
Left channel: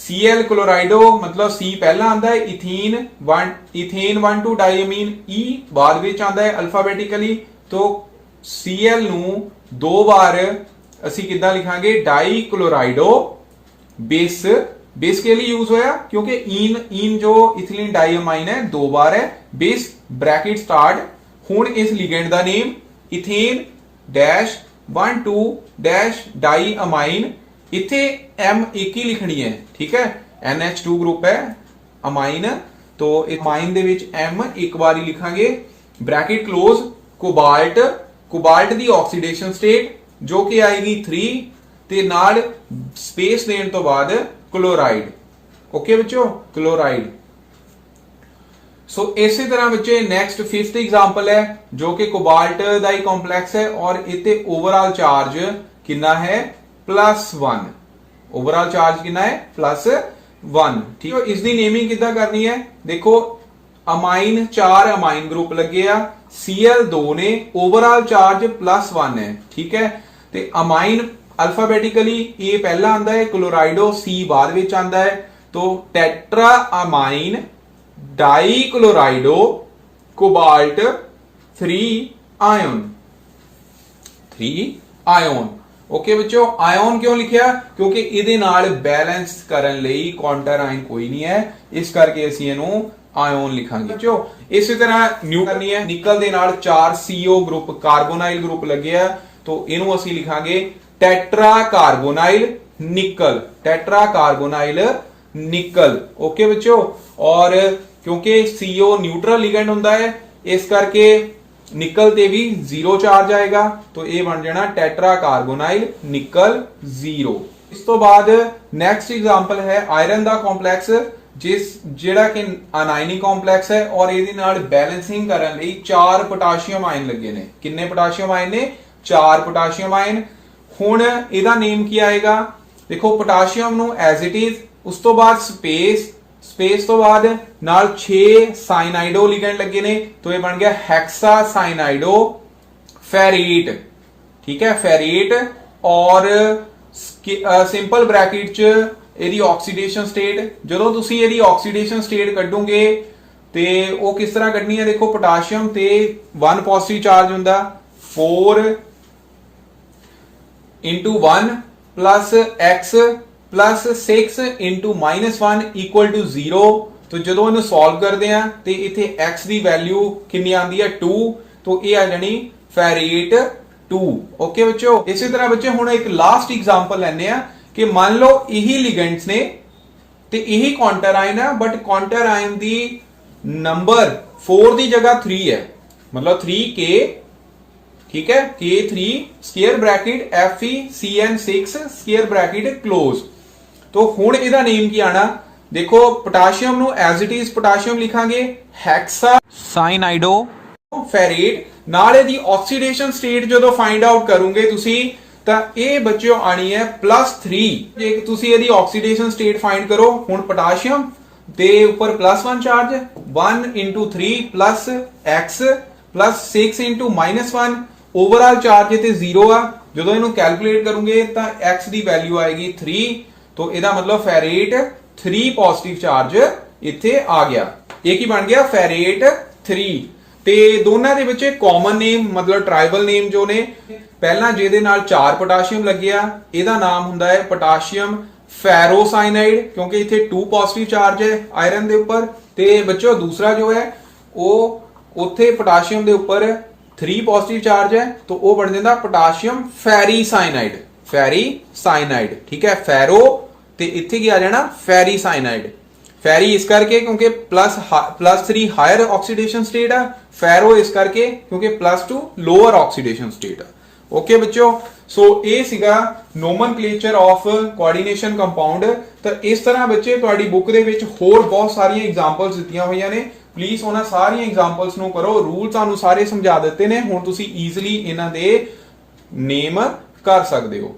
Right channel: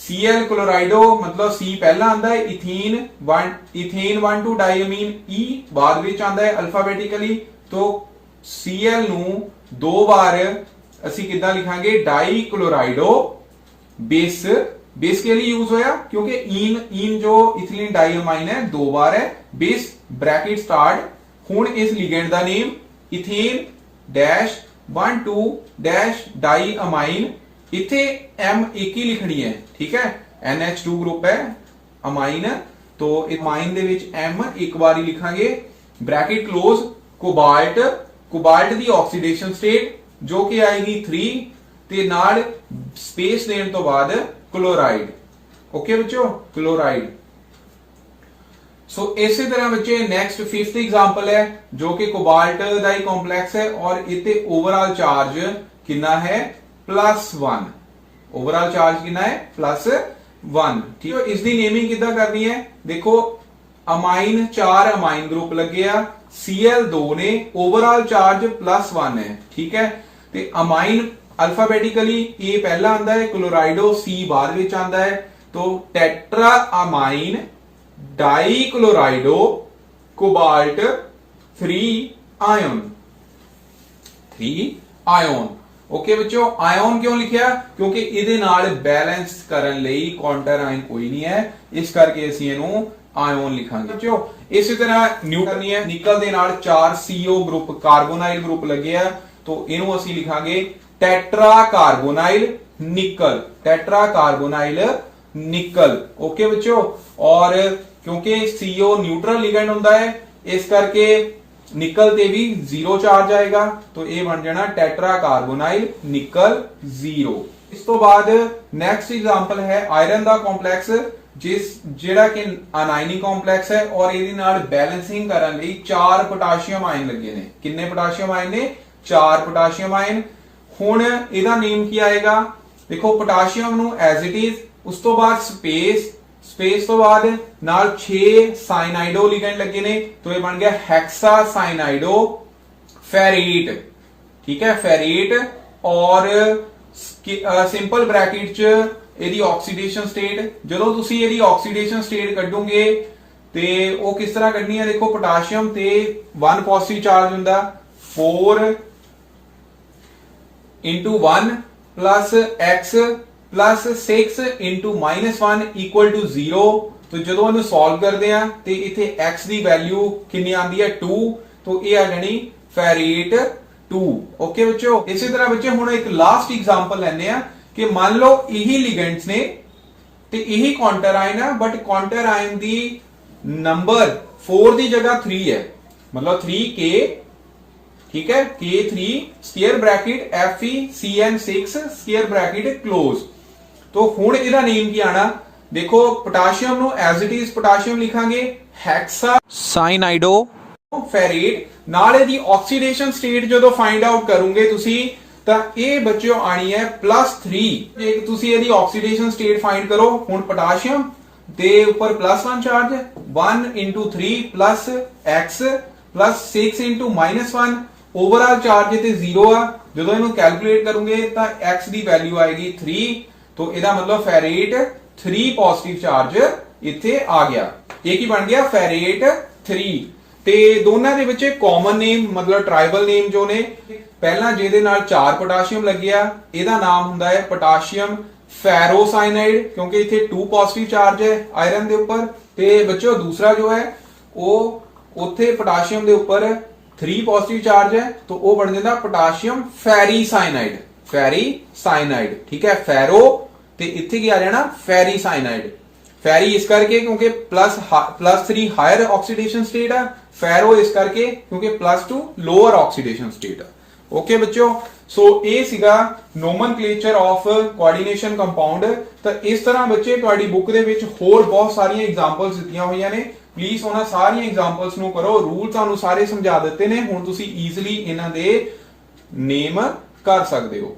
Cl क्लोराइडो मतलब C पहला आंदा है, इथेन 1,2 डाइअमीन E बाद ਵਿੱਚ ਆਂਦਾ ਹੈ ਅਲਫਾਬੈਟਿਕਲੀ। तो Cl ਨੂੰ 2 ਵਾਰ ਅਸੀਂ ਕਿੱਦਾਂ ਲਿਖਾਂਗੇ डाई क्लोराइडो बेस। बेस के लिए यूज होया क्योंकि इन जो इथिलीन डाइअमाइन है 2 बार है। Base bracket start. हुण इस लिगेंड दा name ethane dash 1,2 dash diamine. इथे M एक ही लिखनी है। ठीक है। NH2 ग्रुप है ਅਮਾਈਨ। तो ਅਮਾਈਨ ਦੇ ਵਿੱਚ M ਇੱਕ ਵਾਰੀ ਲਿਖਾਂਗੇ ਬ੍ਰੈਕਟ ਕਲੋਜ਼ ਕੋਬਾਲਟ ਦੀ ਆਕਸੀਡੇਸ਼ਨ ਸਟੇਟ ਜੋ ਕਿ ਆਏਗੀ 3 ਤੇ ਨਾਲ ਸਪੇਸ ਦੇਣ ਤੋਂ ਬਾਅਦ ਕਲੋਰਾਈਡ। ਓਕੇ ਬੱਚੋ, ਕਲੋਰਾਈਡ। ਸੋ ਇਸੇ ਤਰ੍ਹਾਂ ਬੱਚੇ ਨੈਕਸਟ 5th एग्जांपल है जो कि कोबाल्ट ਦਾ ਹੀ ਕੰਪਲੈਕਸ ਹੈ ਔਰ ਇਤੇ ਓਵਰਆਲ ਚਾਰਜ ਕਿੰਨਾ ਹੈ +1। ਓਵਰਆਲ ਚਾਰਜ ਕਿੰਨਾ ਹੈ +1। ਠੀਕ ਹੈ, ਇਸ ਦੀ ਨੇਮਿੰਗ ਕਿੱਦਾਂ ਕਰਨੀ ਹੈ? ਦੇਖੋ ਅਮਾਈਨ 4 ਅਮਾਈਨ ਗਰੁੱਪ ਲੱਗੇ ਆ, Cl2 ਨੇ, ਓਵਰਆਲ ਚਾਰਜ +1 ਹੈ। ਠੀਕ ਹੈ, ਤੇ ਅਮਾਈਨ ਅਲਫਾਬੈਟਿਕਲੀ ਇਹ ਪਹਿਲਾ ਆਂਦਾ ਹੈ, ਕਲੋਰਾਈਡੋ C ਬਾਅਦ ਵਿੱਚ ਆਂਦਾ ਹੈ। तो tetraamine dichlorido cobalt 3 ion. Okay बच्चों, आयन क्यों लिखिया? क्योंकि इहदे नाल बैलेंस करन लई काउंटर आयन कोई नहीं है, इस करके ਅਸੀਂ ਇਹਨੂੰ आयन लिखांगे। बच्चों इसी तरह न्यूट्रल है, निकल दे नाल 4 CO ग्रुप कार्बोनाइल ग्रुप लगे आ, तो ਇਹਨੂੰ ਅਸੀਂ ਲਿਖਾਂਗੇ टेट्रा कार्बोनाइल निकल। टेट्रा कार्बोनाइल निकल। ओके बच्चों, और क्योंकि CO न्यूट्रल लिगेंड ਹੁੰਦਾ है, इस करके निकल ते भी 0 चार्ज आएगा, तो ये बन जाना टेट्रा कार्बोनाइल निकल 0। इस तो बाद नेक्स्ट एग्जांपल है आयरन ਦਾ ਕੰਪਲੈਕਸ, ਜਿਹੜਾ ਕਿ ਅਨਾਇਨਿਕ ਕੰਪਲੈਕਸ ਹੈ ਔਰ ਇਹਦੇ ਨਾਲ ਬੈਲੈਂਸਿੰਗ ਕਰਨ ਲਈ 4 ਪੋਟਾਸ਼ੀਅਮ ਆਇਨ ਲੱਗੇ ਨੇ। ਕਿੰਨੇ ਪੋਟਾਸ਼ੀਅਮ ਆਇਨ ਨੇ? 4 ਪੋਟਾਸ਼ੀਅਮ ਆਇਨ। ਹੁਣ ਇਹਦਾ ਨੇਮ ਕੀ ਆਏਗਾ? ਦੇਖੋ ਪੋਟਾਸ਼ੀਅਮ ਨੂੰ ਐਜ਼ ਇਟ ਇਜ਼, ਉਸ ਤੋਂ ਬਾਅਦ ਸਪੇਸ ਤੋਂ ਬਾਅਦ ਨਾਲ 6 ਸਾइनाइडो लिगेंड लगे ने, तो ये बन गया हेक्सा साइनाइडो फेरेट। ठीक है, फेरेट। और सिंपल ब्रैकेट च ਇਹਦੀ ਆਕਸੀਡੇਸ਼ਨ ਸਟੇਟ, ਜਦੋਂ ਤੁਸੀਂ ਇਹਦੀ ਆਕਸੀਡੇਸ਼ਨ ਸਟੇਟ ਕੱਢੋਗੇ ਤੇ ਉਹ ਕਿਸ ਤਰ੍ਹਾਂ ਕੱਢਣੀ ਹੈ? ਦੇਖੋ ਪੋਟਾਸ਼ੀਅਮ ਤੇ 1 ਪੋਜ਼ਿਟਿਵ ਚਾਰਜ ਹੁੰਦਾ, 4 into 1 plus x plus 6 into -1 equal to 0। तो ਜਦੋਂ ਇਹਨੂੰ ਸੋਲਵ ਕਰਦੇ ਆ ਤੇ ਇੱਥੇ x ਦੀ ਵੈਲਿਊ ਕਿੰਨੀ ਆਂਦੀ ਹੈ 2, तो ਇਹ ਆ ਜਾਣੀ ਫੈਰੇਟ 2। ਓਕੇ ਬੱਚੋ, ਇਸੇ ਤਰ੍ਹਾਂ ਬੱਚੇ ਹੁਣ ਇੱਕ ਲਾਸਟ ਐਗਜ਼ਾਮਪਲ ਲੈਣੇ ਆ ਕਿ ਮੰਨ ਲਓ ਇਹੀ ਲਿਗੈਂਡਸ ਨੇ ਤੇ ਇਹੀ ਕਾਉਂਟਰ ਆਇਨ ਹੈ, but counter ion the number 4 ਦੀ ਜਗ੍ਹਾ 3 ਹੈ, मतलब 3k। ठीक है, K3 square bracket FeCN6 square bracket close. तो हुण ਇਹਦਾ ਨੇਮ ਕੀ ਆਣਾ? ਦੇਖੋ ਪੋਟਾਸ਼ੀਅਮ ਨੂੰ ਐਜ਼ ਇਟ ਇਜ਼ ਪੋਟਾਸ਼ੀਅਮ ਲਿਖਾਂਗੇ ਹੈਕਸਾ ਸਾइनाइडो ਫੈਰੇਟ। ਨਾਲ ਇਹਦੀ ਆਕਸੀਡੇਸ਼ਨ ਸਟੇਟ ਜਦੋਂ ਫਾਈਂਡ ਆਊਟ ਕਰੋਗੇ ਤੁਸੀਂ ਤਾਂ ਇਹ ਬੱਚਿਓ ਆਣੀ ਹੈ +3। ਜੇ ਤੁਸੀਂ ਇਹਦੀ ਆਕਸੀਡੇਸ਼ਨ ਸਟੇਟ ਫਾਈਂਡ ਕਰੋ, ਹੁਣ ਪੋਟਾਸ਼ੀਅਮ ਦੇ ਉੱਪਰ +1 charge, 1 into 3 plus x plus 6 into -1, overall charge इथे 0 आ। ਜਦੋਂ ਇਹਨੂੰ ਕੈਲਕੂਲੇਟ ਕਰੋਗੇ ਤਾਂ x ਦੀ ਵੈਲਿਊ ਆਏਗੀ 3, तो ਇਹਦਾ ਮਤਲਬ ਫੈਰੇਟ 3 ਪੋਜ਼ਿਟਿਵ ਚਾਰਜ ਇੱਥੇ ਆ ਗਿਆ। ਇਹ ਕੀ ਬਣ ਗਿਆ? ਫੈਰੇਟ 3। ਤੇ ਦੋਨਾਂ ਦੇ ਵਿੱਚ ਕਾਮਨ ਨੇਮ ਮਤਲਬ ਟ੍ਰਾਈਬਲ ਨੇਮ ਜੋ ਨੇ, ਪਹਿਲਾਂ ਜਿਹਦੇ ਨਾਲ 4 ਪੋਟਾਸ਼ੀਅਮ ਲੱਗਿਆ ਇਹਦਾ ਨਾਮ ਹੁੰਦਾ ਹੈ ਪੋਟਾਸ਼ੀਅਮ ਫੈਰੋਸਾइनाइड, ਕਿਉਂਕਿ ਇੱਥੇ 2 ਪੋਜ਼ਿਟਿਵ ਚਾਰਜ ਹੈ ਆਇਰਨ ਦੇ ਉੱਪਰ। ਤੇ ਬੱਚੋ ਦੂਸਰਾ ਜੋ ਹੈ ਉਹ ਉੱਥੇ ਪੋਟਾਸ਼ੀਅਮ ਦੇ ਉੱਪਰ 3 ਪੋਜ਼ਿਟਿਵ ਚਾਰਜ ਹੈ, तो वो बन जाता पोटाशियम फेरीसाइनाइड। फेरीसाइनाइड, ठीक है, फेरो ते इत्थे की आ जाना फेरीसाइनाइड। फेरी इस करके क्योंकि +3 हायर ऑक्सीडेशन स्टेट है, फेरो इस करके क्योंकि +2 लोअर ऑक्सीडेशन स्टेट है। ओके बच्चों, सो ਇਹ ਸੀਗਾ ਨੋਮਨਕਲੇਚਰ ਆਫ ਕੋਆਰਡੀਨੇਸ਼ਨ ਕੰਪਾਊਂਡ। ਤਾਂ ਇਸ ਤਰ੍ਹਾਂ ਬੱਚੇ ਤੁਹਾਡੀ ਬੁੱਕ ਦੇ ਵਿੱਚ ਹੋਰ ਬਹੁਤ ਸਾਰੀਆਂ ਐਗਜ਼ਾਮਪਲਸ ਦਿੱਤੀਆਂ ਹੋਈਆਂ ਨੇ, ਪਲੀਜ਼ ਉਹਨਾਂ ਸਾਰੀਆਂ ਐਗਜ਼ਾਮਪਲਸ ਨੂੰ ਕਰੋ। ਰੂਲ ਤੁਹਾਨੂੰ ਸਾਰੇ ਸਮਝਾ ਦਿੱਤੇ ਨੇ, ਹੁਣ ਤੁਸੀਂ ਈਜ਼ੀਲੀ ਇਹਨਾਂ ਦੇ ਨੇਮ ਕਰ ਸਕਦੇ ਹੋ।